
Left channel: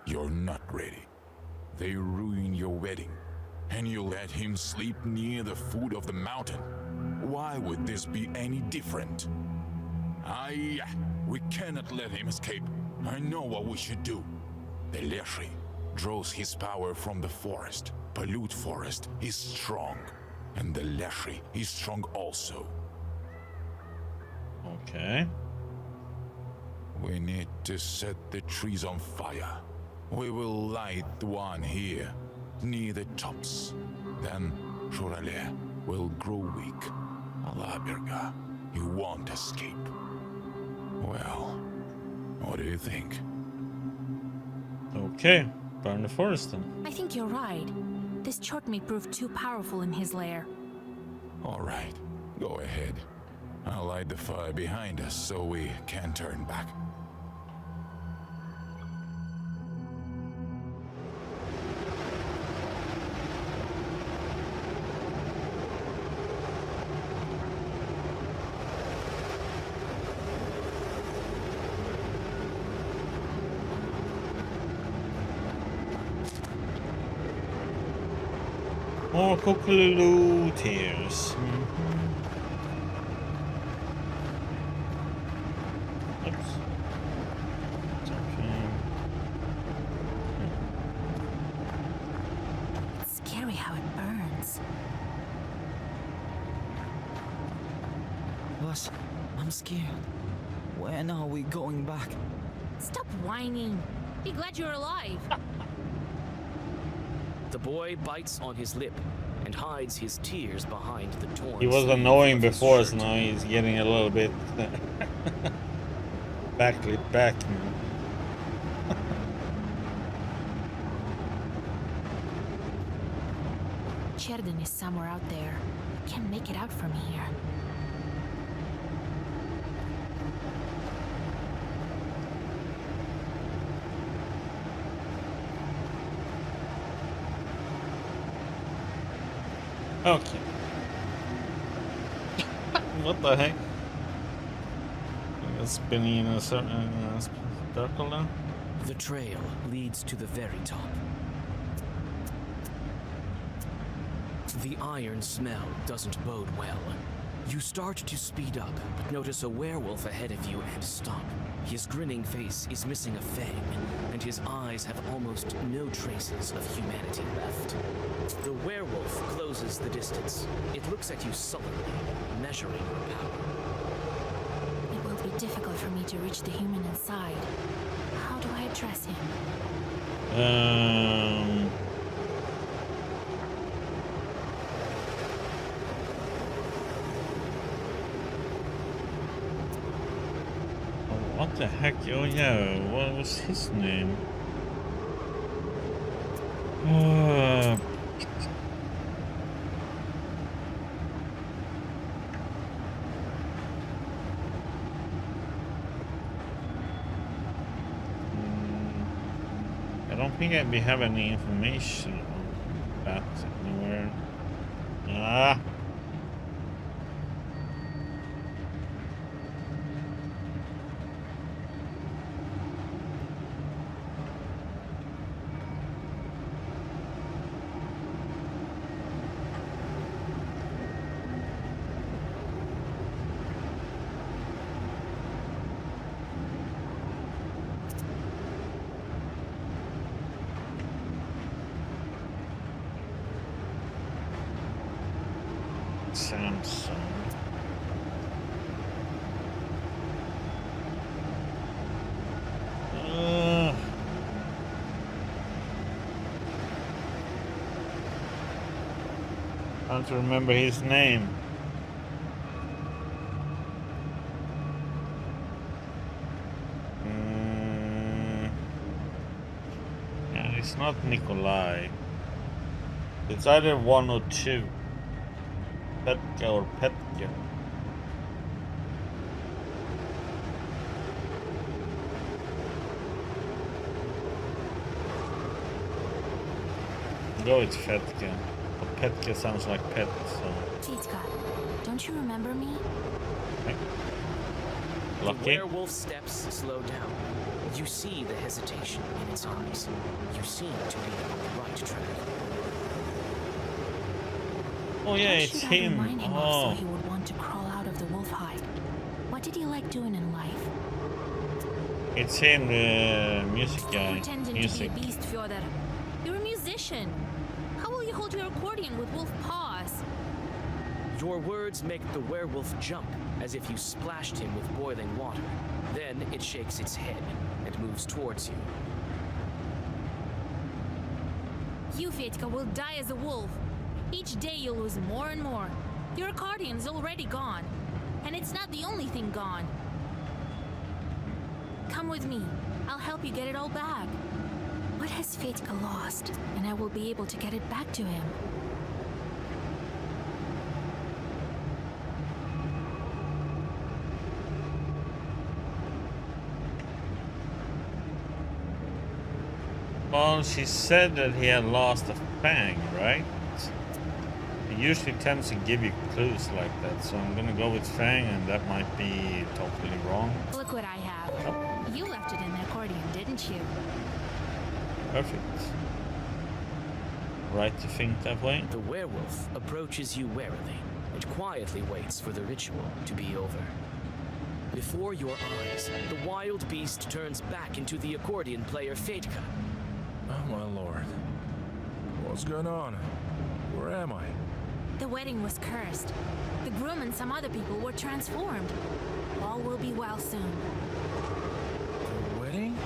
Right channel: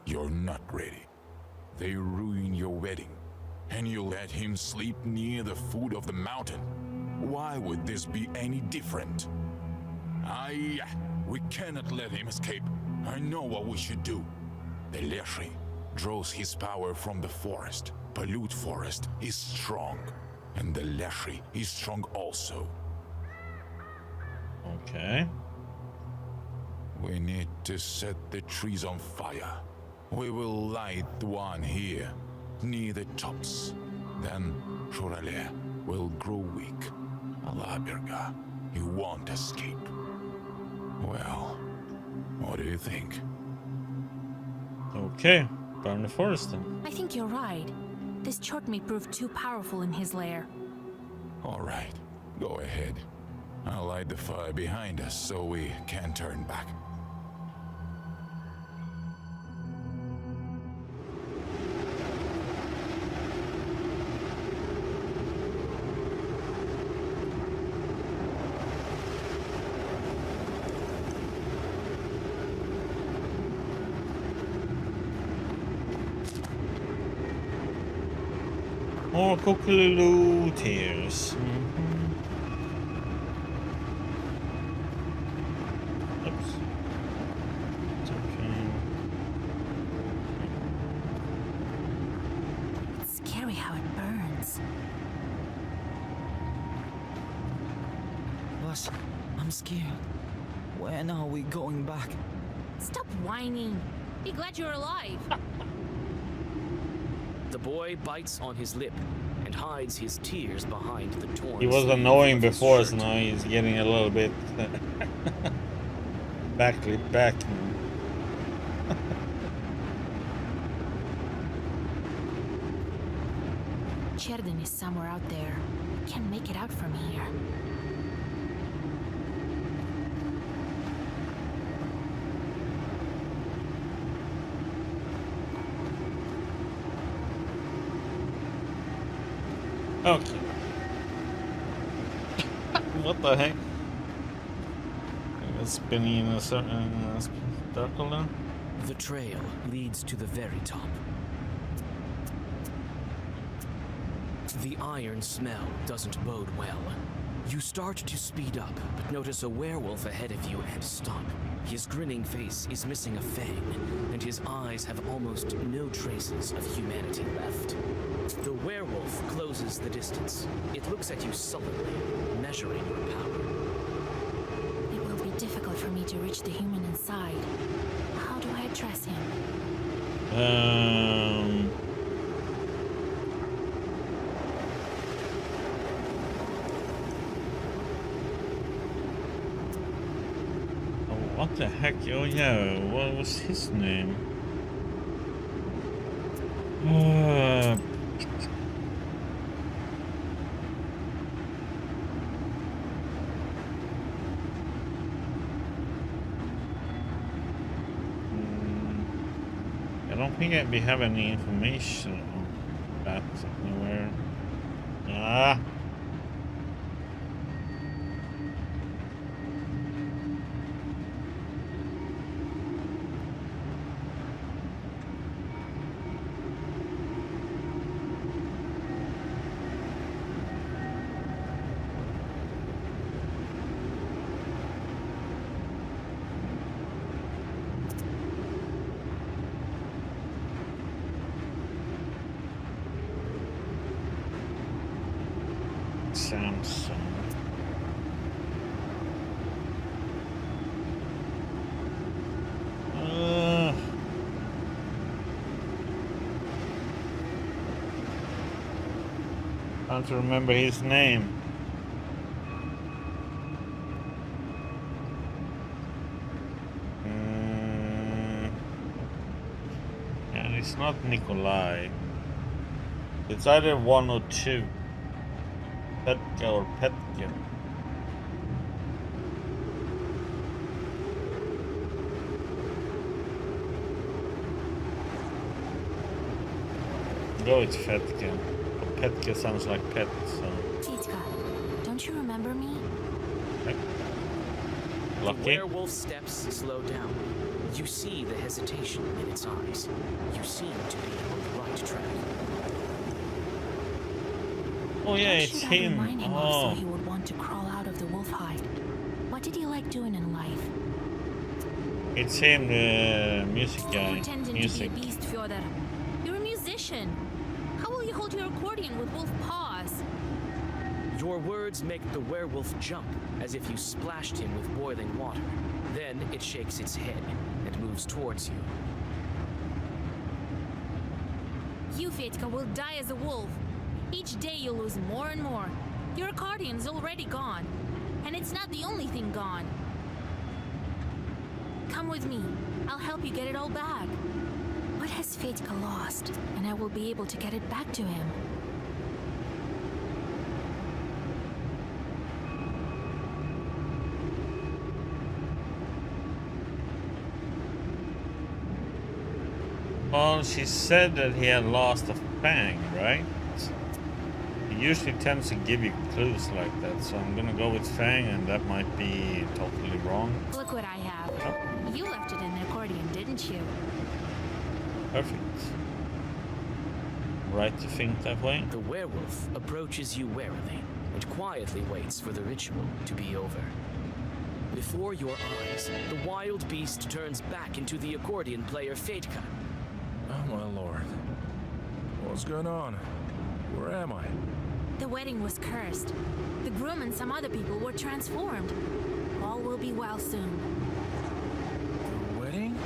You're not ready. They ruined your wedding, and you let him sleep near the foot of the mountain. Why would this be any different? We cannot let him escape. I know what we should do. The Leshy draws his power from the forest. Palyud Forest is strong, and the Leshy is strong also. Okay. We need to set the trees on fire. We will light one here, near the tops. Then Shurale will grow weak. Alabirga, he won't escape. Well, what do you think? Okay, burn the forest then. I think you're right. This Chort may prove too powerful in his lair. All right, go ahead. I'll light the fire behind us so we can turn back. More Kokolulu tears. Oops. Something. It's scary how it burns. Vas, I'm scared. When are we going back? Stop whining. Be glad you're alive. The boy bites on his lip and hides his tears behind the torn He was sleeve annoying of his before, shirt. so now he's getting a little bit back now. Cherdin is somewhere out there. I can't make it out from here. Okay. What the heck? It's spinning in a circle now. The trail leads to the very top. The iron smell doesn't bode well. You start to speed up, but notice a werewolf ahead of you and stop. His grinning face is missing a fang, and his eyes have almost no traces of humanity left. The werewolf closes the distance. It looks at you sullenly, measuring your power. It will be difficult for me to reach the human inside. How do I address him? Oh, what the heck? Oh yeah, what was his name? I don't think we have any information on that anywhere. Ah. Samsung. I don't remember his name. Yeah, it's not Nikolai. It's either one or two. Petka or Petke. Go with Fetke. But Petke sounds like pet, so. Fetka, don't you remember me? Okay. The Lucky. werewolf's steps slow down. You see the hesitation in its eyes. You seem to be on the right track. Oh yeah, What it's should I him. remind him of Oh, so he would want to crawl out of the wolf hide? What did he like doing in life? it's him, the music Stop guy. pretending Music. to be a beast, Fyodor. You're a musician. How will you hold your accordion with wolf paws? Your words make the werewolf jump, as if you splashed him with boiling water. Then it shakes its head and moves towards you. You, Fetka, will die as a wolf. Each day you'll lose more and more. Your accordion's already gone. And it's not the only thing gone. Come with me. I'll help you get it all back. What has Fetka lost? And I will be able to get it back to him. Well, she said that he had lost a fang, right? He usually tends to give you clues like that, so I'm gonna go with fang, and that might be totally wrong. Look what I have. Oh, You left it in the accordion, didn't you? perfect. Right to think that way. The werewolf approaches you warily and quietly waits for the ritual to be over. Before your eyes, the wild beast turns back into the accordion player Fetka. Oh my lord. What's going on? Where am I? The wedding was cursed. The groom and some other people were transformed. All will be well soon. The wedding?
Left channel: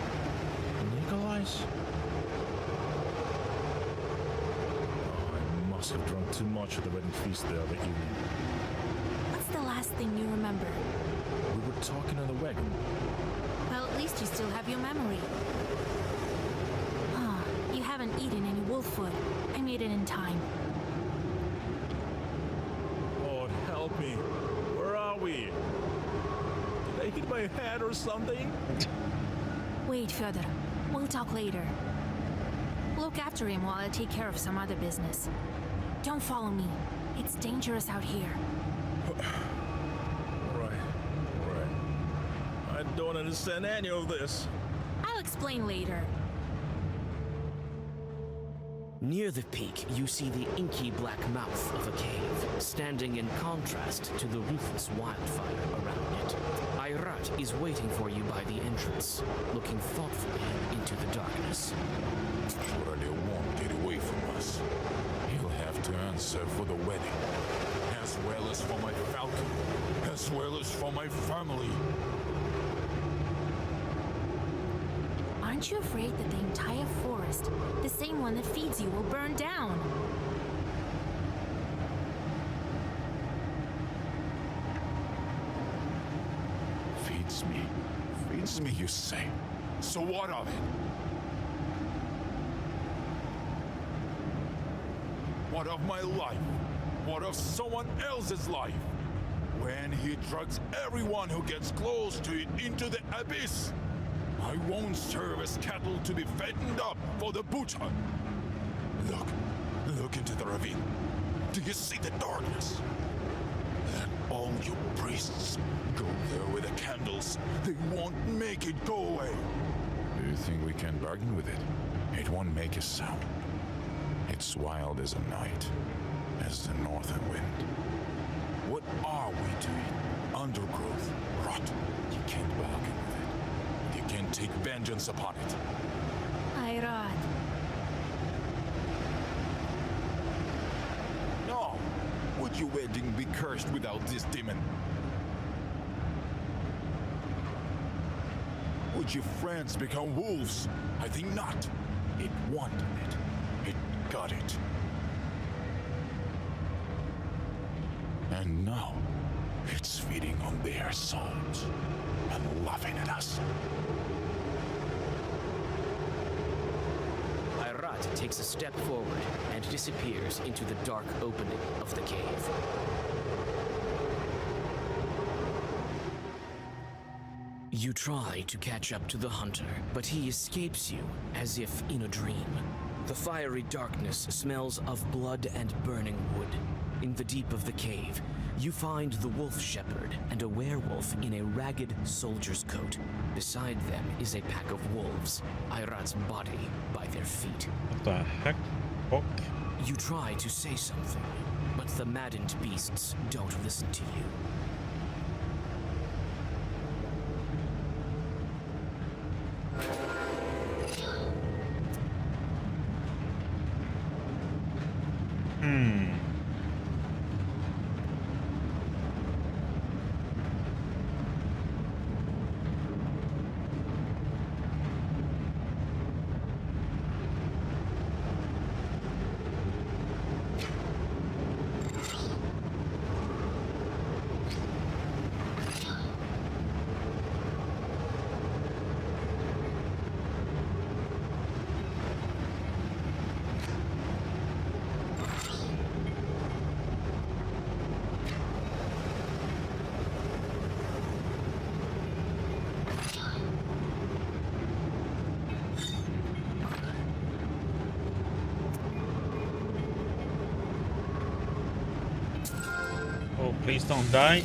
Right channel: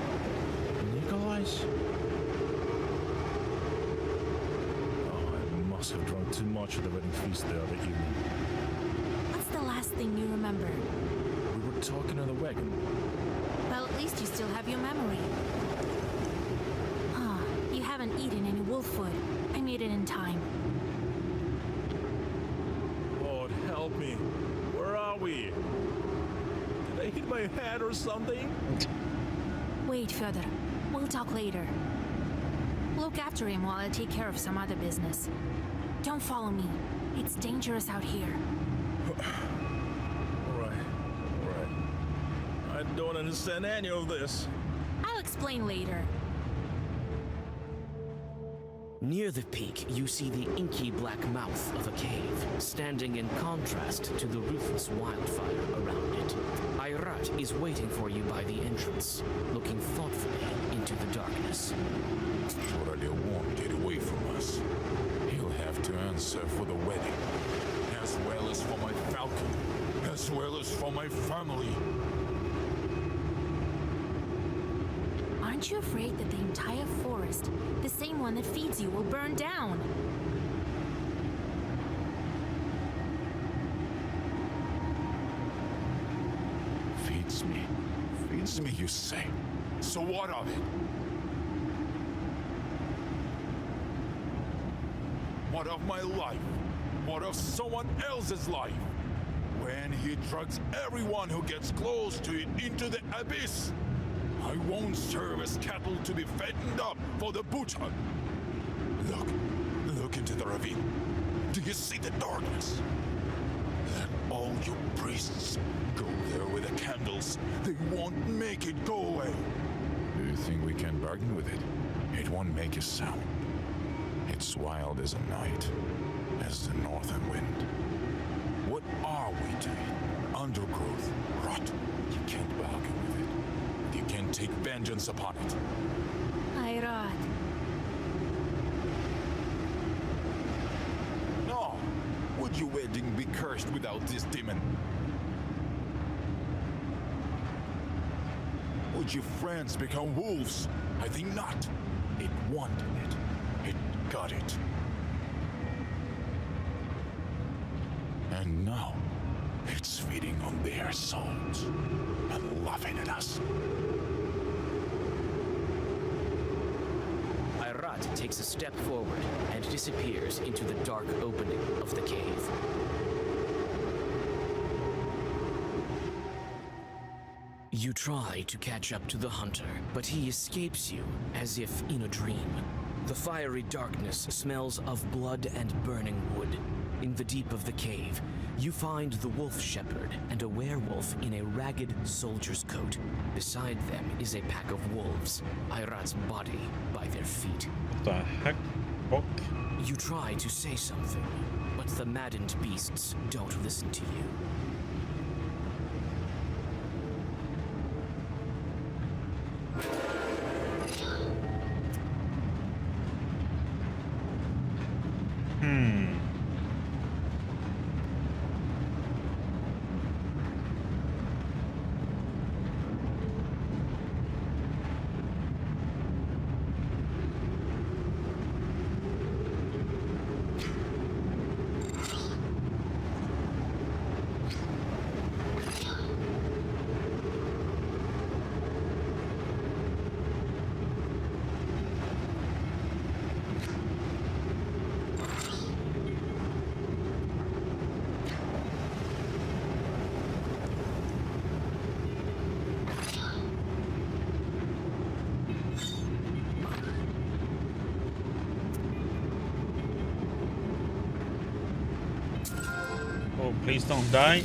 Nikolai's? Oh, I must have drunk too much at the wedding feast the other evening. What's the last thing you remember? We were talking on the wagon. Well, at least you still have your memory. Ah, you haven't eaten any wolf food. I made it in time. Lord, help me. Where are we? Did I hit my head or something? Wait, Fyodor. We'll talk later. Look after him while I take care of some other business. Don't follow me. It's dangerous out here. Alright. I don't understand any of this. I'll explain later. Near the peak, you see the inky black mouth of a cave, standing in contrast to the ruthless wildfire around it. Ayrat is waiting for you by the entrance, looking thoughtfully into the darkness. Surely won't get away from us. He'll have to answer for the wedding, as well as for my falcon, as well as for my family. Aren't you afraid that the entire forest, the same one that feeds you, will burn down? Feeds me. Feeds me, you say? So what of it? What of my life? What of someone else's life? When he drags everyone who gets close to it into the abyss, I won't serve as cattle to be fattened up for the butcher. Look into the ravine. Do you see the darkness? Let all you priests go there with the candles. They won't make it go away. Do you think we can bargain with it? It won't make a sound. It's wild as a night, as the northern wind. What are we to it? Undergrowth, rot. You can't bargain with it. And you can't take vengeance upon it. Ayrat. No! Would your wedding be cursed without this demon? Would your friends become wolves? I think not. It wanted it. It got it. And now, it's feeding on their souls and laughing at us. Ayrat takes a step forward and disappears into the dark opening of the cave. You try to catch up to the hunter, but he escapes you as if in a dream. The fiery darkness smells of blood and burning wood. In the deep of the cave, you find the wolf shepherd and a werewolf in a ragged soldier's coat. Beside them is a pack of wolves, Ayrat's body by their feet. What the heck? Fuck. You try to say something, but the maddened beasts don't listen to you. Oh, please don't die.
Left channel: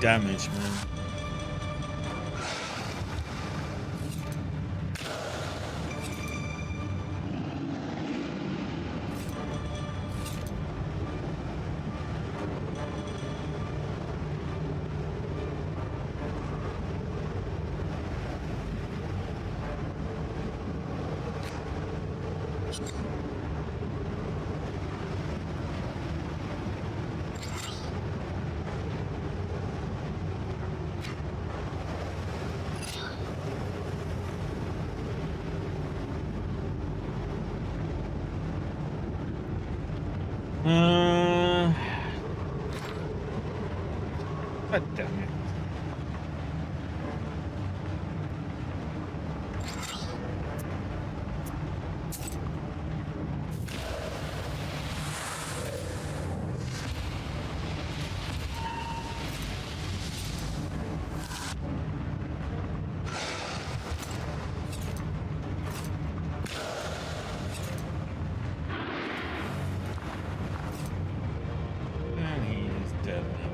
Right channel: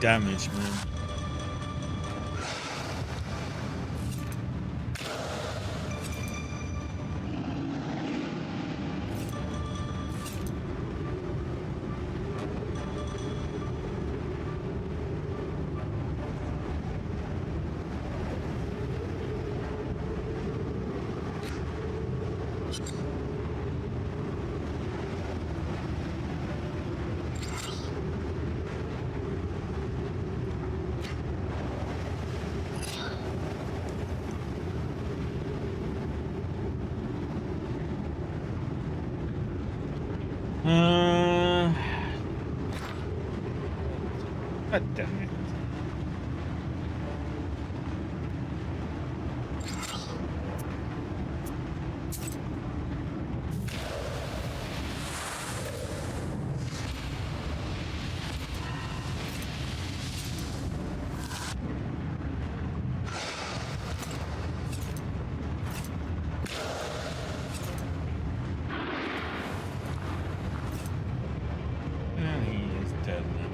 Damage, man. God damn it. And he is dead now.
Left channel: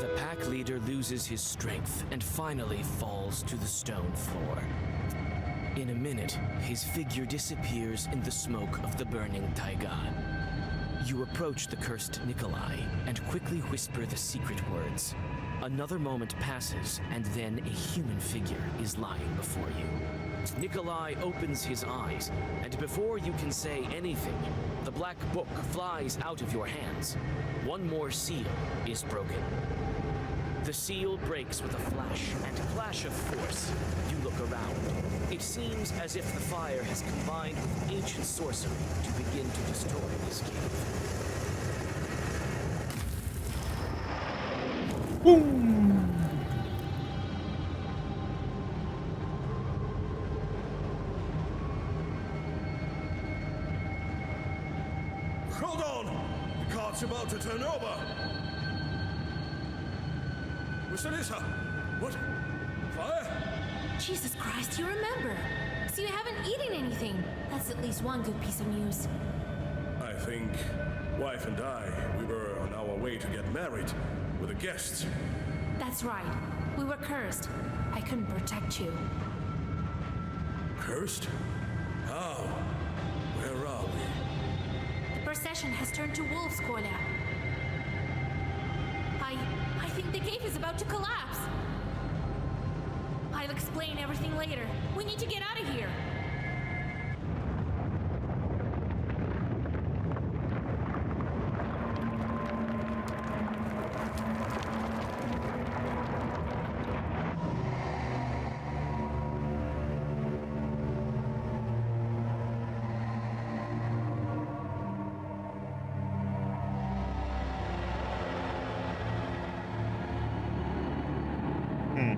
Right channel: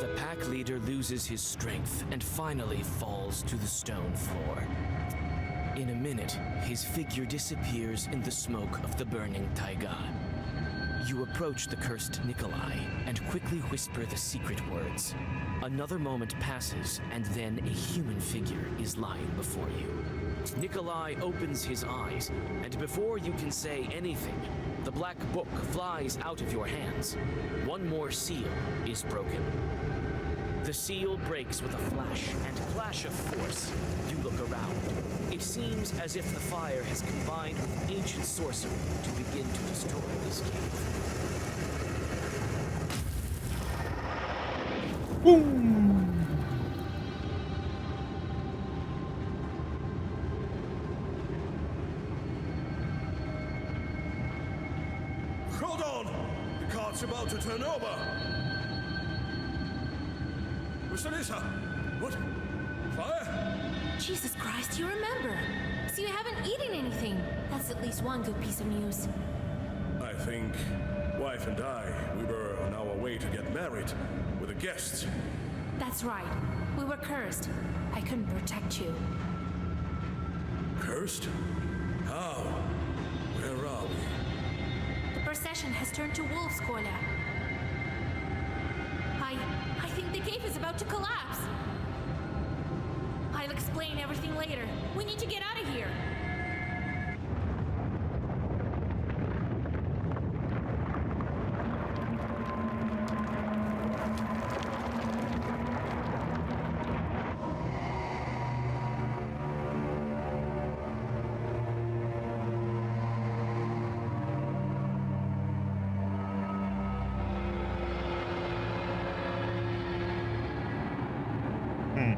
The pack leader loses his strength and finally falls to the stone floor. In a minute, his figure disappears in the smoke of the burning taiga. You approach the cursed Nikolai and quickly whisper the secret words. Another moment passes, and then a human figure is lying before you. Nikolai opens his eyes, and before you can say anything, the black book flies out of your hands. One more seal is broken. The seal breaks with a flash and clash of force. You look around. It seems as if the fire has combined with ancient sorcery to begin to destroy this cave. Hold on! The cart's about to turn over! Vasilisa! What? Fire? Jesus Christ, you remember. So you haven't eaten anything. That's at least one good piece of news. I think wife and we were on our way to get married with the guests. That's right. We were cursed. I couldn't protect you. Cursed? How? Where are we? The procession has turned to wolves, Kolya. I think the cave is about to collapse. I'll explain everything later. We need to get out of here. Hmm.